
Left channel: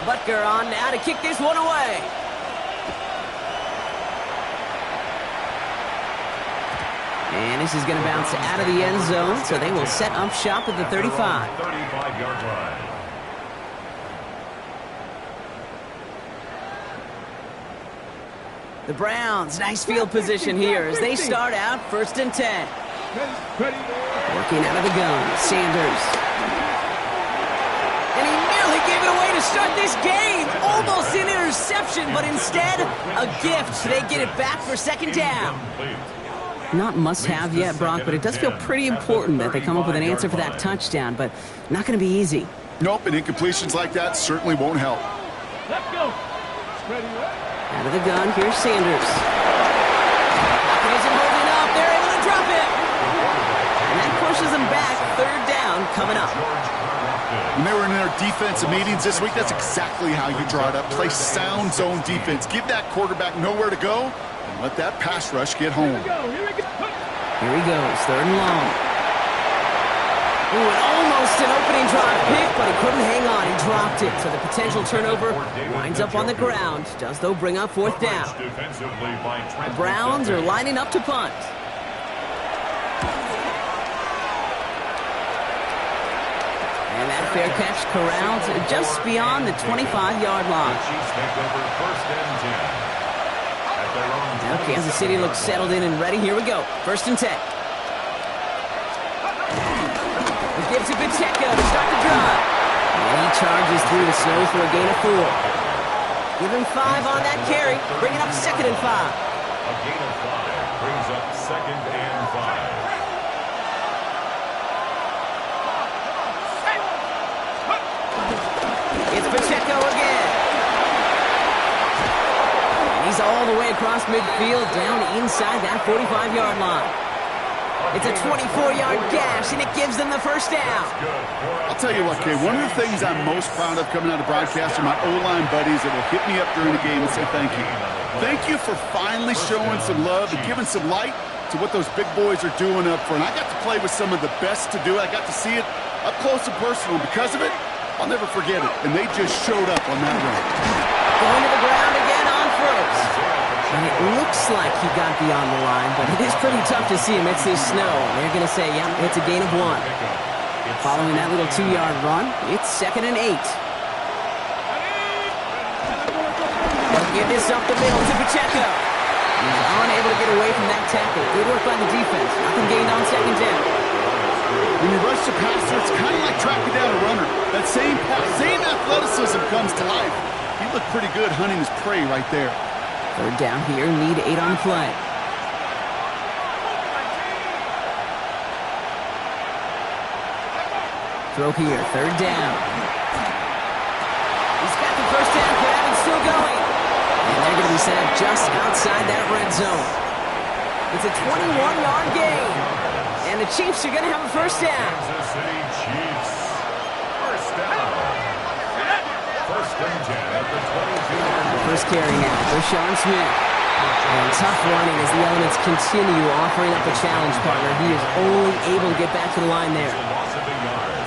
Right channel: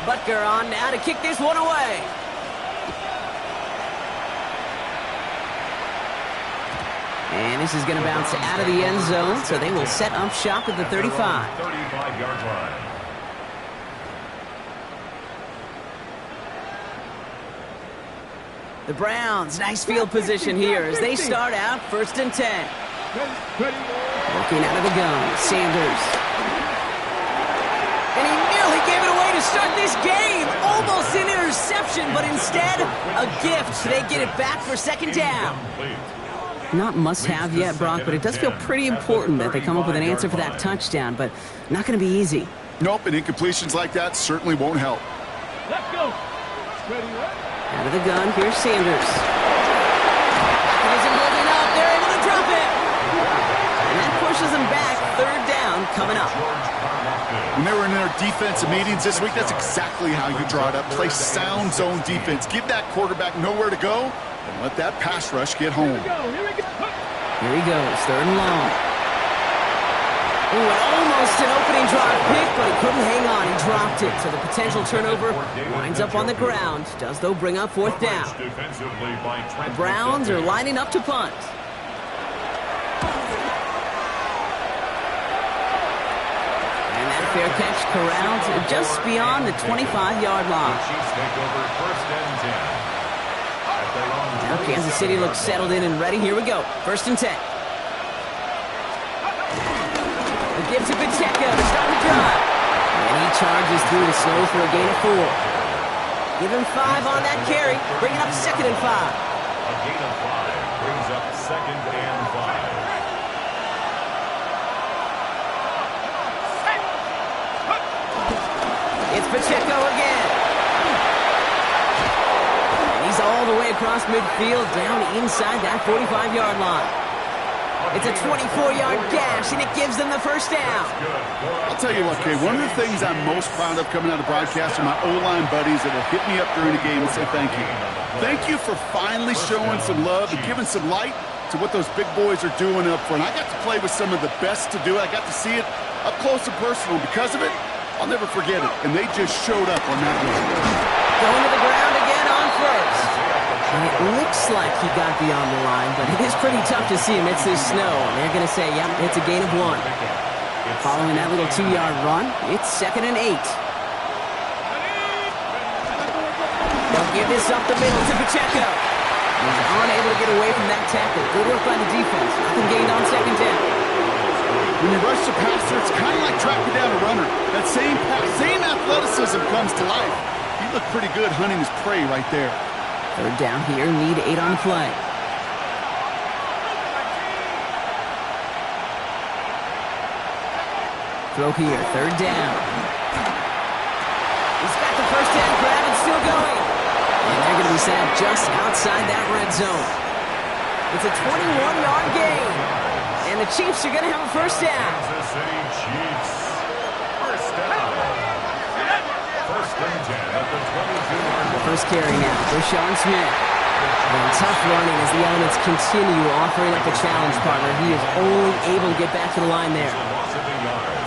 Butker on now to kick this one away. And this is going to bounce out of the end zone, so they will set up shop at the 35. 35-yard line. The Browns, nice field position here as they start out first and 10. Working out of the gun, Sanders. And he nearly gave it away to start this game. Almost an interception, but instead, a gift. They get it back for second down. Not must-have yet, Brock, but it does feel pretty important that they come up with an answer for that touchdown, but not going to be easy. Nope, and incompletions like that certainly won't help. Let's go. Ready, Out of the gun, here's Sanders. Pocket isn't holding up. They're able to drop it. And that pushes them back. Third down coming up. When they were in their defensive meetings this week, that's exactly how you draw it up. Play sound zone defense. Give that quarterback nowhere to go and let that pass rush get home. Here he goes, third and long. Ooh, and almost an opening drive pick, but he couldn't hang on. He dropped it, so the potential turnover winds up on the ground. Does, though, bring up fourth down. The Browns are lining up to punt. And And that fair catch corralled just beyond the 25-yard line. The Chiefs take over 1st and 10. At their own Now Kansas City looks settled in and ready. Here we go. 1st and 10. They give to Pacheco to start the drive. And he charges through the snow for a gain of 4. Give him 5 on that carry. Bring it up 2nd and 5. A gain of 5 brings up 2nd and 5. It's Pacheco again. And he's all the way across midfield, down inside that 45-yard line. It's a 24-yard gash, and it gives them the 1st down. I'll tell you what, Kay, one of the things I'm most proud of coming out of broadcast are my O-line buddies that will hit me up during the game and say thank you. Thank you for finally showing some love and giving some light to what those big boys are doing up front. I got to play with some of the best to do it. I got to see it up close and personal. Because of it, I'll never forget it. And they just showed up on that run. Going to the ground again on 1st. And it looks like he got beyond the line, but it is pretty tough to see amidst this snow. And they're going to say, yep, it's a gain of 1. Following that little 2-yard run, it's 2nd and 8. They'll give this up the middle to Pacheco. He's unable to get away from that tackle. Good work by the defense. Nothing gained on 2nd down. When you rush the passer, it's kind of like tracking down a runner. That same athleticism comes to life. He looked pretty good hunting his prey right there. 3rd down here, need 8 on the play. Throw here, 3rd down. He's got the 1st down grab and still going. And they're going to be set up just outside that red zone. It's a 21-yard gain. And the Chiefs are going to have a 1st down. Kansas City Chiefs. 1st down. 1st and 10 at the 22-yard line. First carry now, Rashawn Smith. And tough running as the elements continue offering up a challenge partner. He is only able to get back to the line there.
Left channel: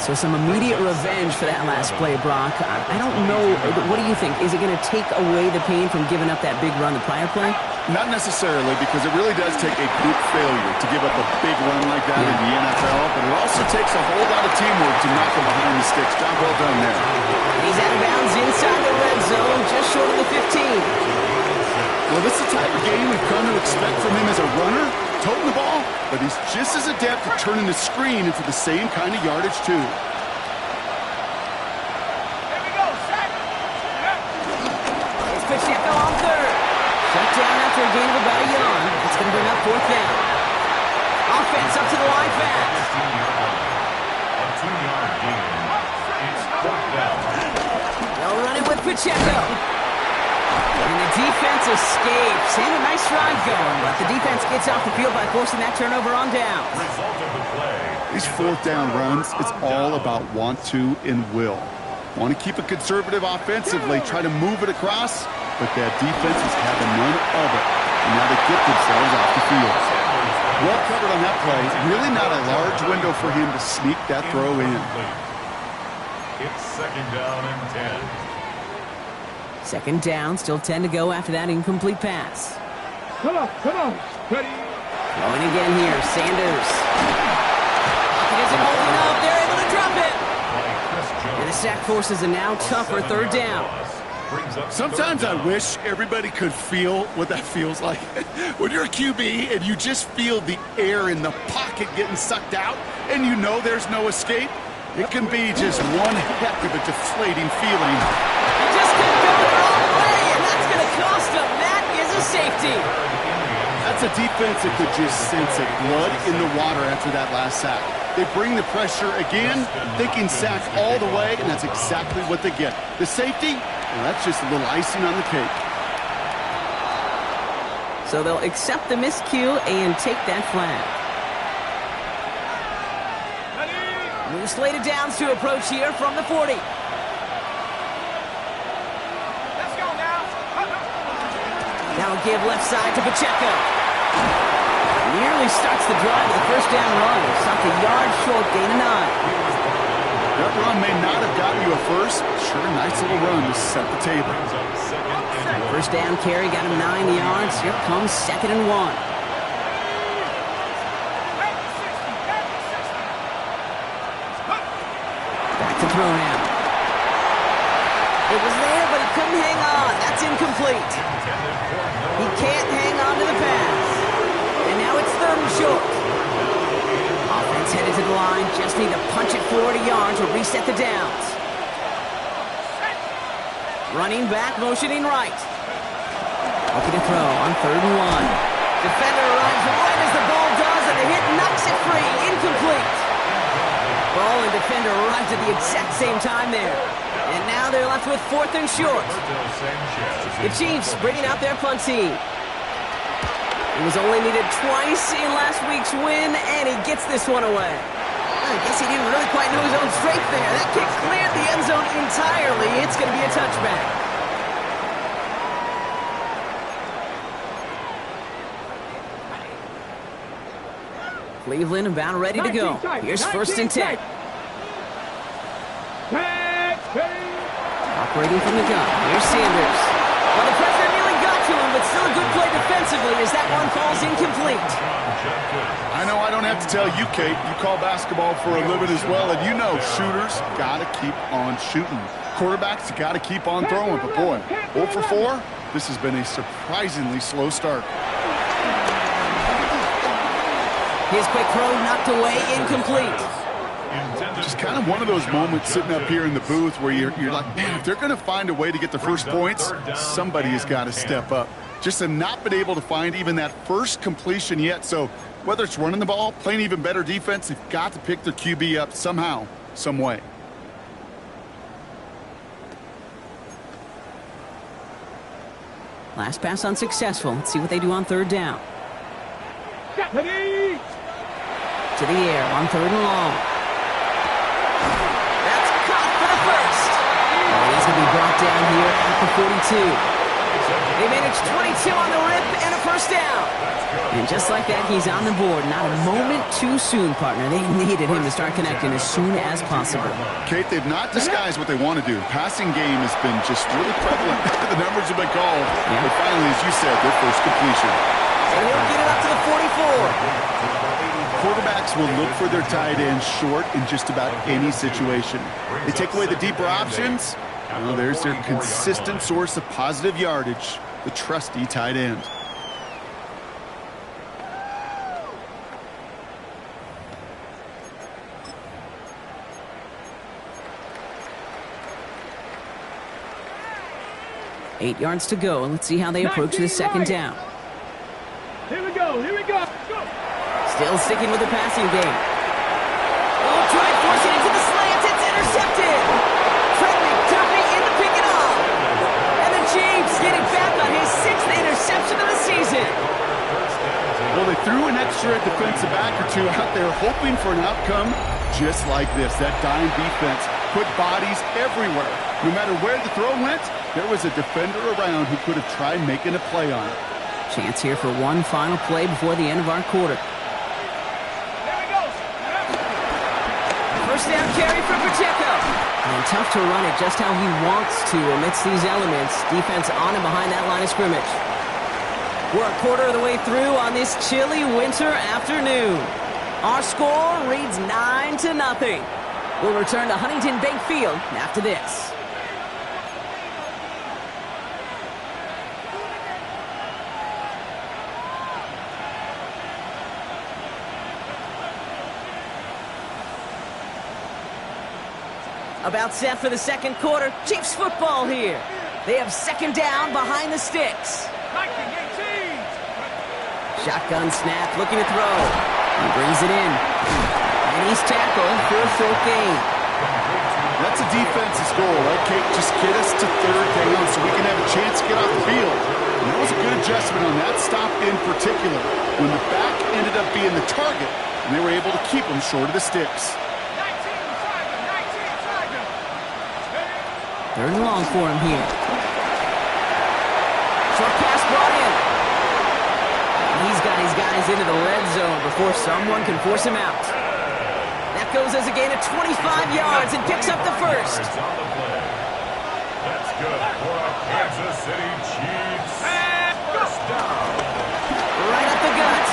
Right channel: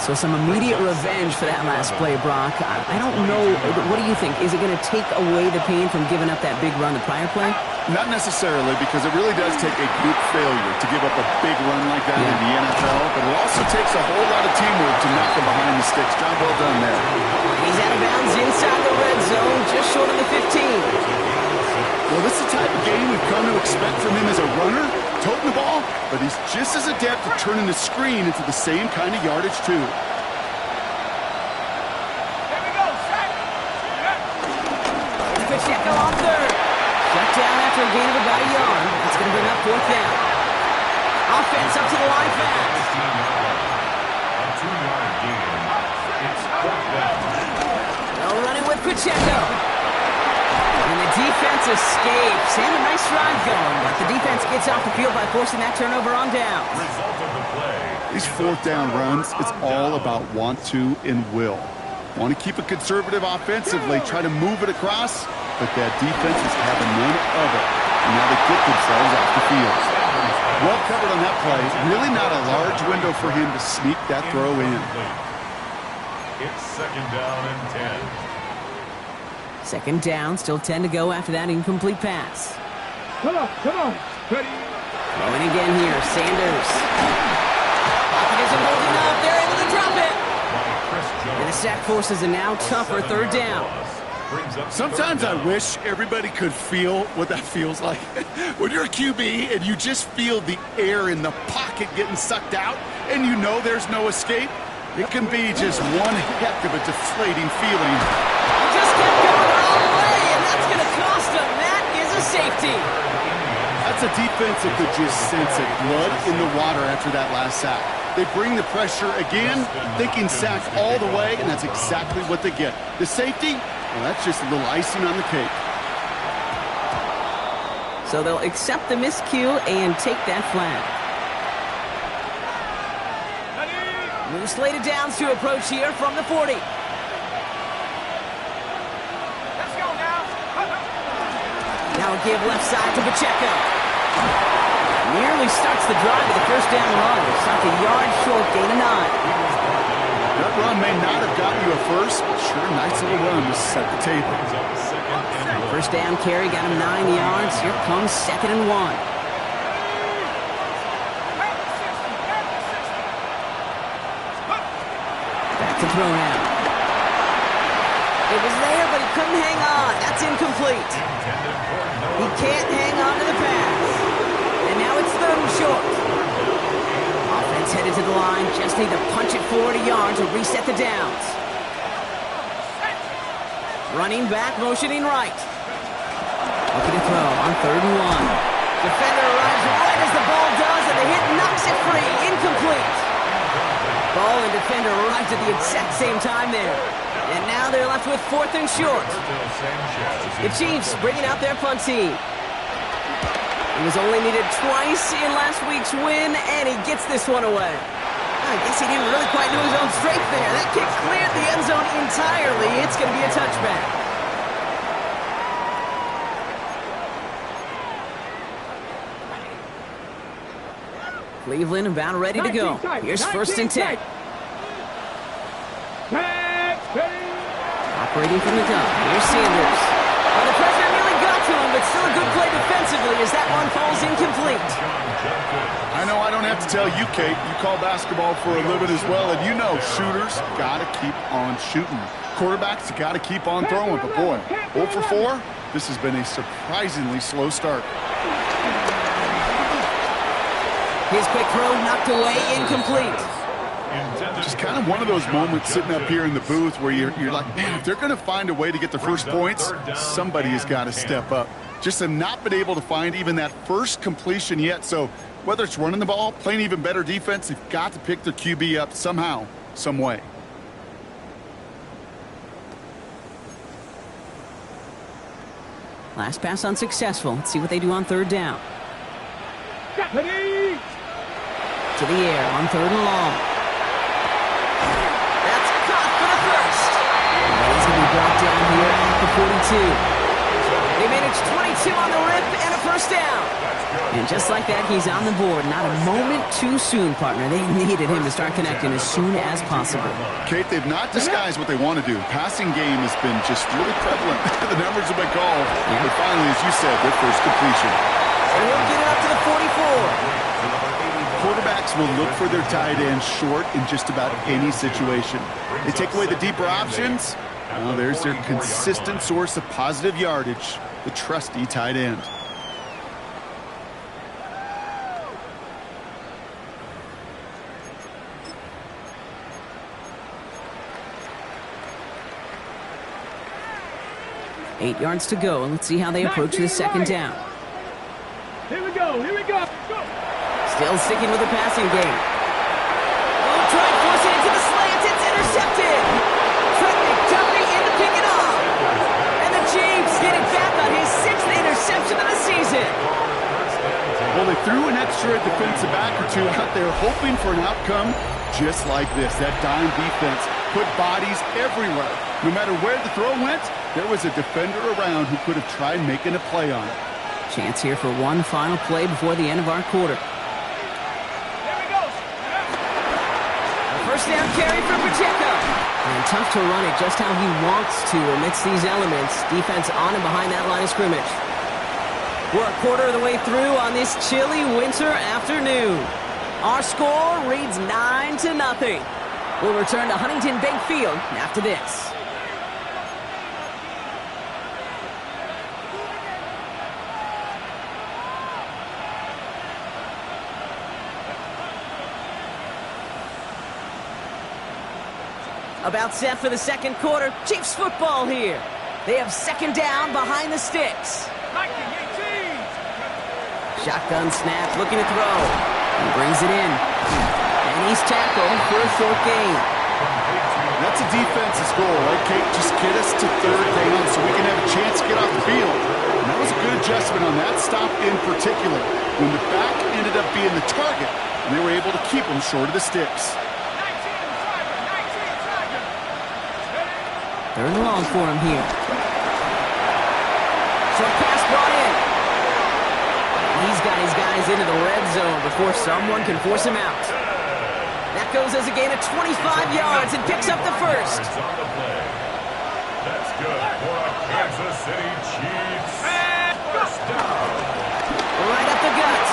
So some immediate revenge for that last play, Brock. I don't know. What do you think? Is it going to take away the pain from giving up that big run the prior play? Not necessarily, because it really does take a group failure to give up a big run like that in the NFL, but it also takes a whole lot of teamwork to knock him behind the sticks. Job well done there. He's out of bounds inside the red zone, just short of the 15. Well, this is the type of game we've come to expect from him as a runner, toting the ball, but he's just as adept at turning the screen into the same kind of yardage, too. Here we go, set. It's Pacheco on 3rd. Shut down after a gain of about a yard. It's going to bring up 4th down. Offense up to the line fast. 15-yard line. A 2-yard gain. It's 4th down. They'll run it with Pacheco. And the defense escapes. And a nice drive going, but the defense gets off the field by forcing that turnover on down. Result of the play. These 4th down runs, it's all about want to and will. Want to keep it conservative offensively, try to move it across, but that defense is having none of it. And now they get themselves off the field. Well covered on that play. Really not a large window for him to sneak that throw in. It's 2nd down and 10. 2nd down, still 10 to go after that incomplete pass. Come on, ready. Throwing again here, Sanders. Pocket isn't holding up, they're able to drop it. And the sack forces a now tougher 3rd down. Sometimes I wish everybody could feel what that feels like. When you're a QB and you just feel the air in the pocket getting sucked out and you know there's no escape, it can be just one heck of a deflating feeling. He just kept going the wrong way, and that's going to cost him. That is a safety. That's a defense that could just sense it. Blood in the water after that last sack. They bring the pressure again, thinking sack all the way, and that's exactly what they get. The safety, well, that's just a little icing on the cake. So they'll accept the miscue and take that flag. New slated downs to approach here from the 40. Let's go now. Now a give left side to Pacheco. Nearly starts the drive with the 1st down run. Sunk a yard short, gain of 9. That run may not have gotten you a first, but sure, a nice little run to set the table. 1st down carry got him 9 yards. Here comes 2nd and 1. to throw now. It was there, but he couldn't hang on. That's incomplete. He can't hang on to the pass. And now it's 3rd and short. Offense headed to the line. Just need to punch it forward a yard to reset the downs. Running back, motioning right. Looking to throw on 3rd and 1. Defender arrives right as the ball does, and the hit knocks it free. Incomplete. Ball and defender arrived at the exact same time there. And now they're left with 4th and short. The Chiefs bringing out their punt team. He was only needed twice in last week's win, and he gets this one away. I guess he didn't really quite know his own strength there. That kick cleared the end zone entirely. It's going to be a touchback. Cleveland about ready to go. Here's 1st and 10. Operating from the gun. Here's Sanders. Well, the pressure nearly got to him, but still a good play defensively as that one falls incomplete. I know I don't have to tell you, Kate. You call basketball for a living as well, and you know shooters got to keep on shooting. Quarterbacks got to keep on throwing. But boy, 0 for 4, this has been a surprisingly slow start. His quick throw knocked away, incomplete. Just kind of one of those moments sitting up here in the booth where you're like, man, if they're going to find a way to get the first points, somebody has got to step up. Just have not been able to find even that first completion yet. So whether it's running the ball, playing even better defense, they've got to pick their QB up somehow, some way. Last pass unsuccessful. Let's see what they do on 3rd down. To the air on 3rd and long. That's caught for the first. And he's going to be brought down here at the 42. They managed 22 on the rip and a first down. And just like that, he's on the board. Not a moment too soon, partner. They needed him to start connecting as soon as possible. Kate, they've not disguised what they want to do. Passing game has been just really prevalent. The numbers have been called. Yeah. But finally, as you said, their first completion. And he'll get it up to the 44. Quarterbacks will look for their tight end short in just about any situation. They take away the deeper options. Well, there's their consistent source of positive yardage, the trusty tight end. Eight yards to go, and let's see how they approach the 2nd down. Here we go, here we go. Go. Still sticking with the passing game. Oh, try and force it into the slants. It's intercepted. Trent McDuffie in to pick it off. And the Chiefs get it back on his 6th interception of the season. Well, they threw an extra defensive back or two out there hoping for an outcome just like this. That dime defense put bodies everywhere. No matter where the throw went, there was a defender around who could have tried making a play on it. Chance here for one final play before the end of our quarter. There he goes. A first down carry for Pacheco. And tough to run it just how he wants to amidst these elements. Defense on and behind that line of scrimmage. We're a quarter of the way through on this chilly winter afternoon. Our score reads 9-0. We'll return to Huntington Bank Field after this. About set for the 2nd quarter. Chiefs football here. They have 2nd down behind the sticks. 19-18. Shotgun snap, looking to throw. He brings it in. And he's tackled for a short gain. That's a defense's goal, right, Kate? Just get us to 3rd down so we can have a chance to get off the field. And that was a good adjustment on that stop in particular, when the back ended up being the target, and they were able to keep him short of the sticks. 3rd and long for him here. Short pass brought in. And he's got his guys into the red zone before someone can force him out. That goes as a gain of 25 yards and picks up the first. That's good for a Kansas City Chiefs first down. Right up the gut.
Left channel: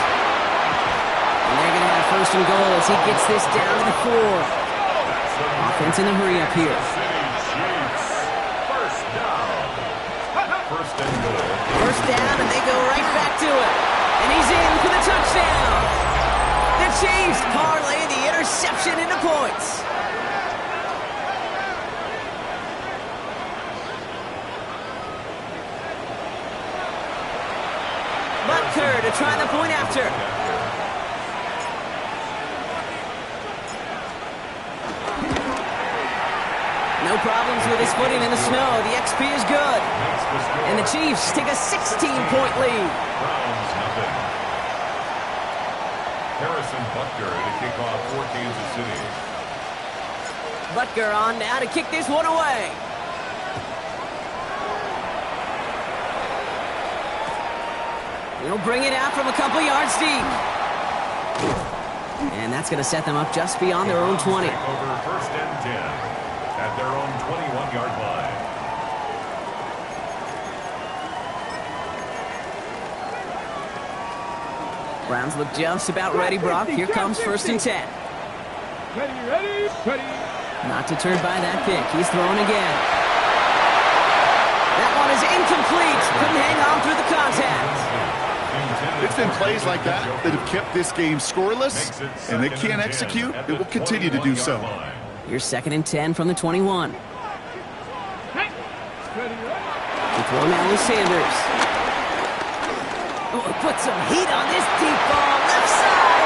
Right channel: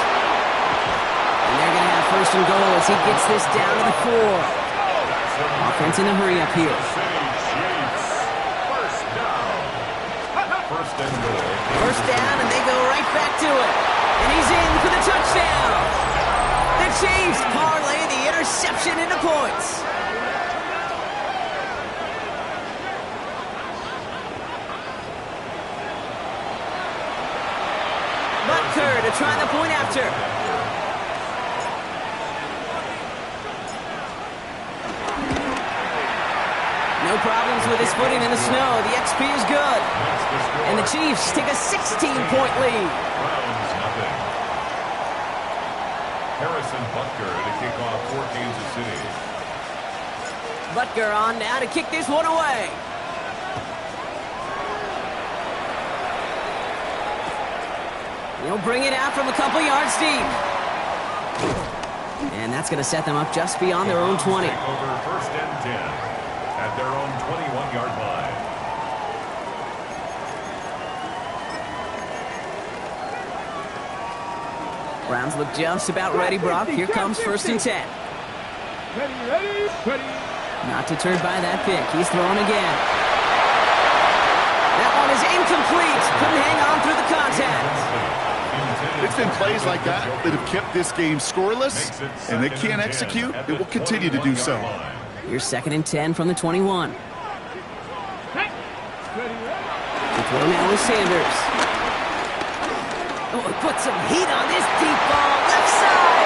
And they're going to have 1st and goal as he gets this down to the 4. Offense in a hurry up here. City Chiefs. First down. First and goal. First down, and they go right back to it. And he's in for the touchdown. The Chiefs parlay the interception into points. Butker to try the point after. No problems with his footing in the snow. The XP is good. And the Chiefs take a 16-point lead. Browns nothing. Harrison Butker to kick off for Kansas City. Butker on now to kick this one away. He'll bring it out from a couple yards deep. And that's going to set them up just beyond their own 20. Take over first and 10 at their own 21-yard line. Browns look just about ready, Brock. Here comes first and 10. Ready. Not deterred by that pick. He's throwing again. That one is incomplete. Couldn't hang on through the contact. It's been plays like that that have kept this game scoreless, and they can't execute. It will continue to do so. Here's second and 10 from the 21. The throw now is Sanders. Oh, he put some heat on this deep ball, left side.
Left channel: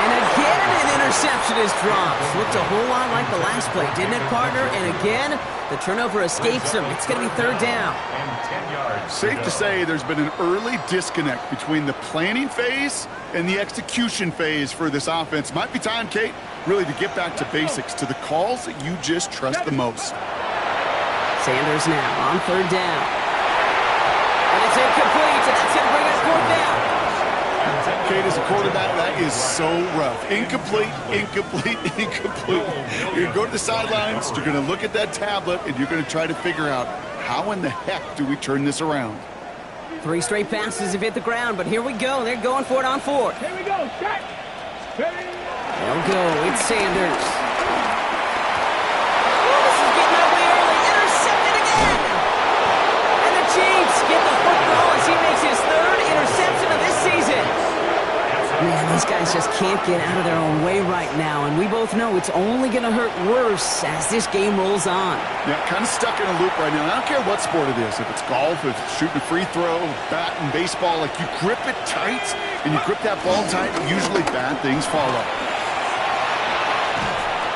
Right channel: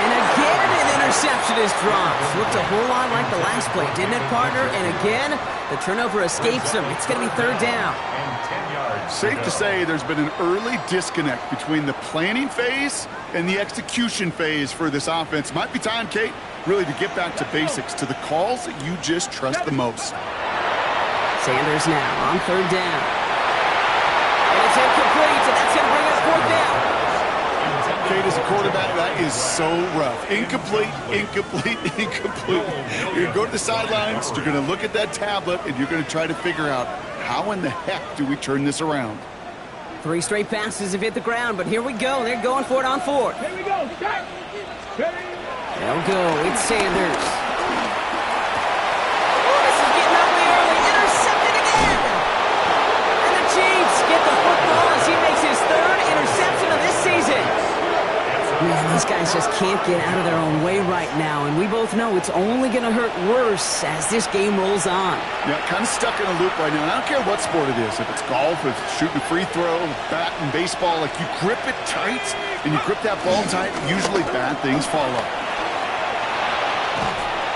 And again, an interception is dropped. Looked a whole lot like the last play, didn't it, partner? And again, the turnover escapes him. It's going to be third down. Safe to say there's been an early disconnect between the planning phase and the execution phase for this offense. Might be time, Kate, really to get back to basics, to the calls that you just trust the most. Sanders now on third down. And it's incomplete, and that's going to bring up fourth down. Kate, as a quarterback, that is so rough. Incomplete. You're going to go to the sidelines, you're going to look at that tablet, and you're going to try to figure out how in the heck do we turn this around. 3 straight passes have hit the ground, but here we go. They're going for it on fourth. Here we go. Start. Ready. They'll go. It's Sanders. Oh, this is getting ugly early. Intercepted again. And the Chiefs get the football as he makes his third interception of this season. Man, these guys just can't get out of their own way right now, and we both know it's only going to hurt worse as this game rolls on. Yeah, kind of stuck in a loop right now. I don't care what sport it is. If it's golf, if it's shooting a free throw, bat and baseball, like you grip it tight and you grip that ball tight, usually bad things follow.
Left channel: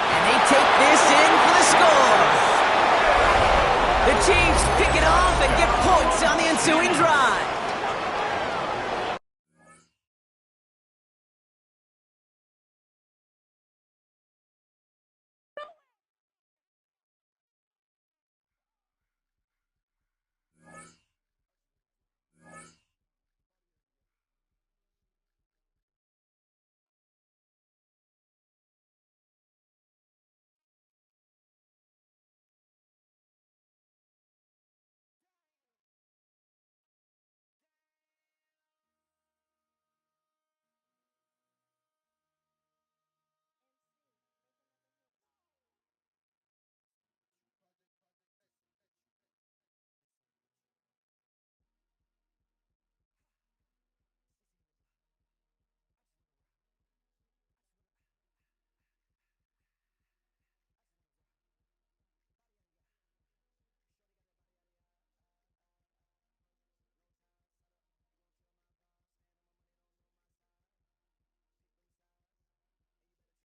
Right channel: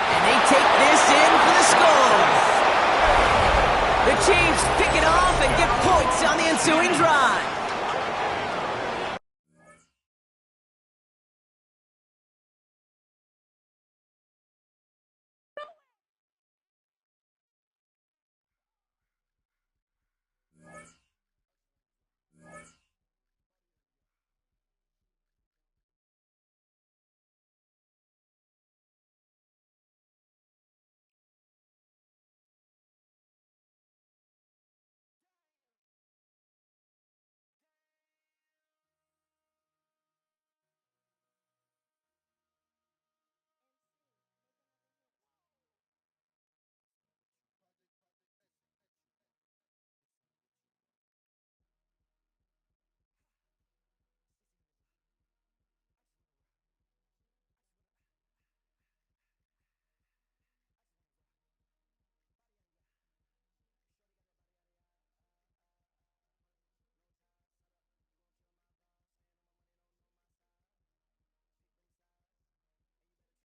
And they take this in for the score. The Chiefs pick it off and get points on the ensuing drive.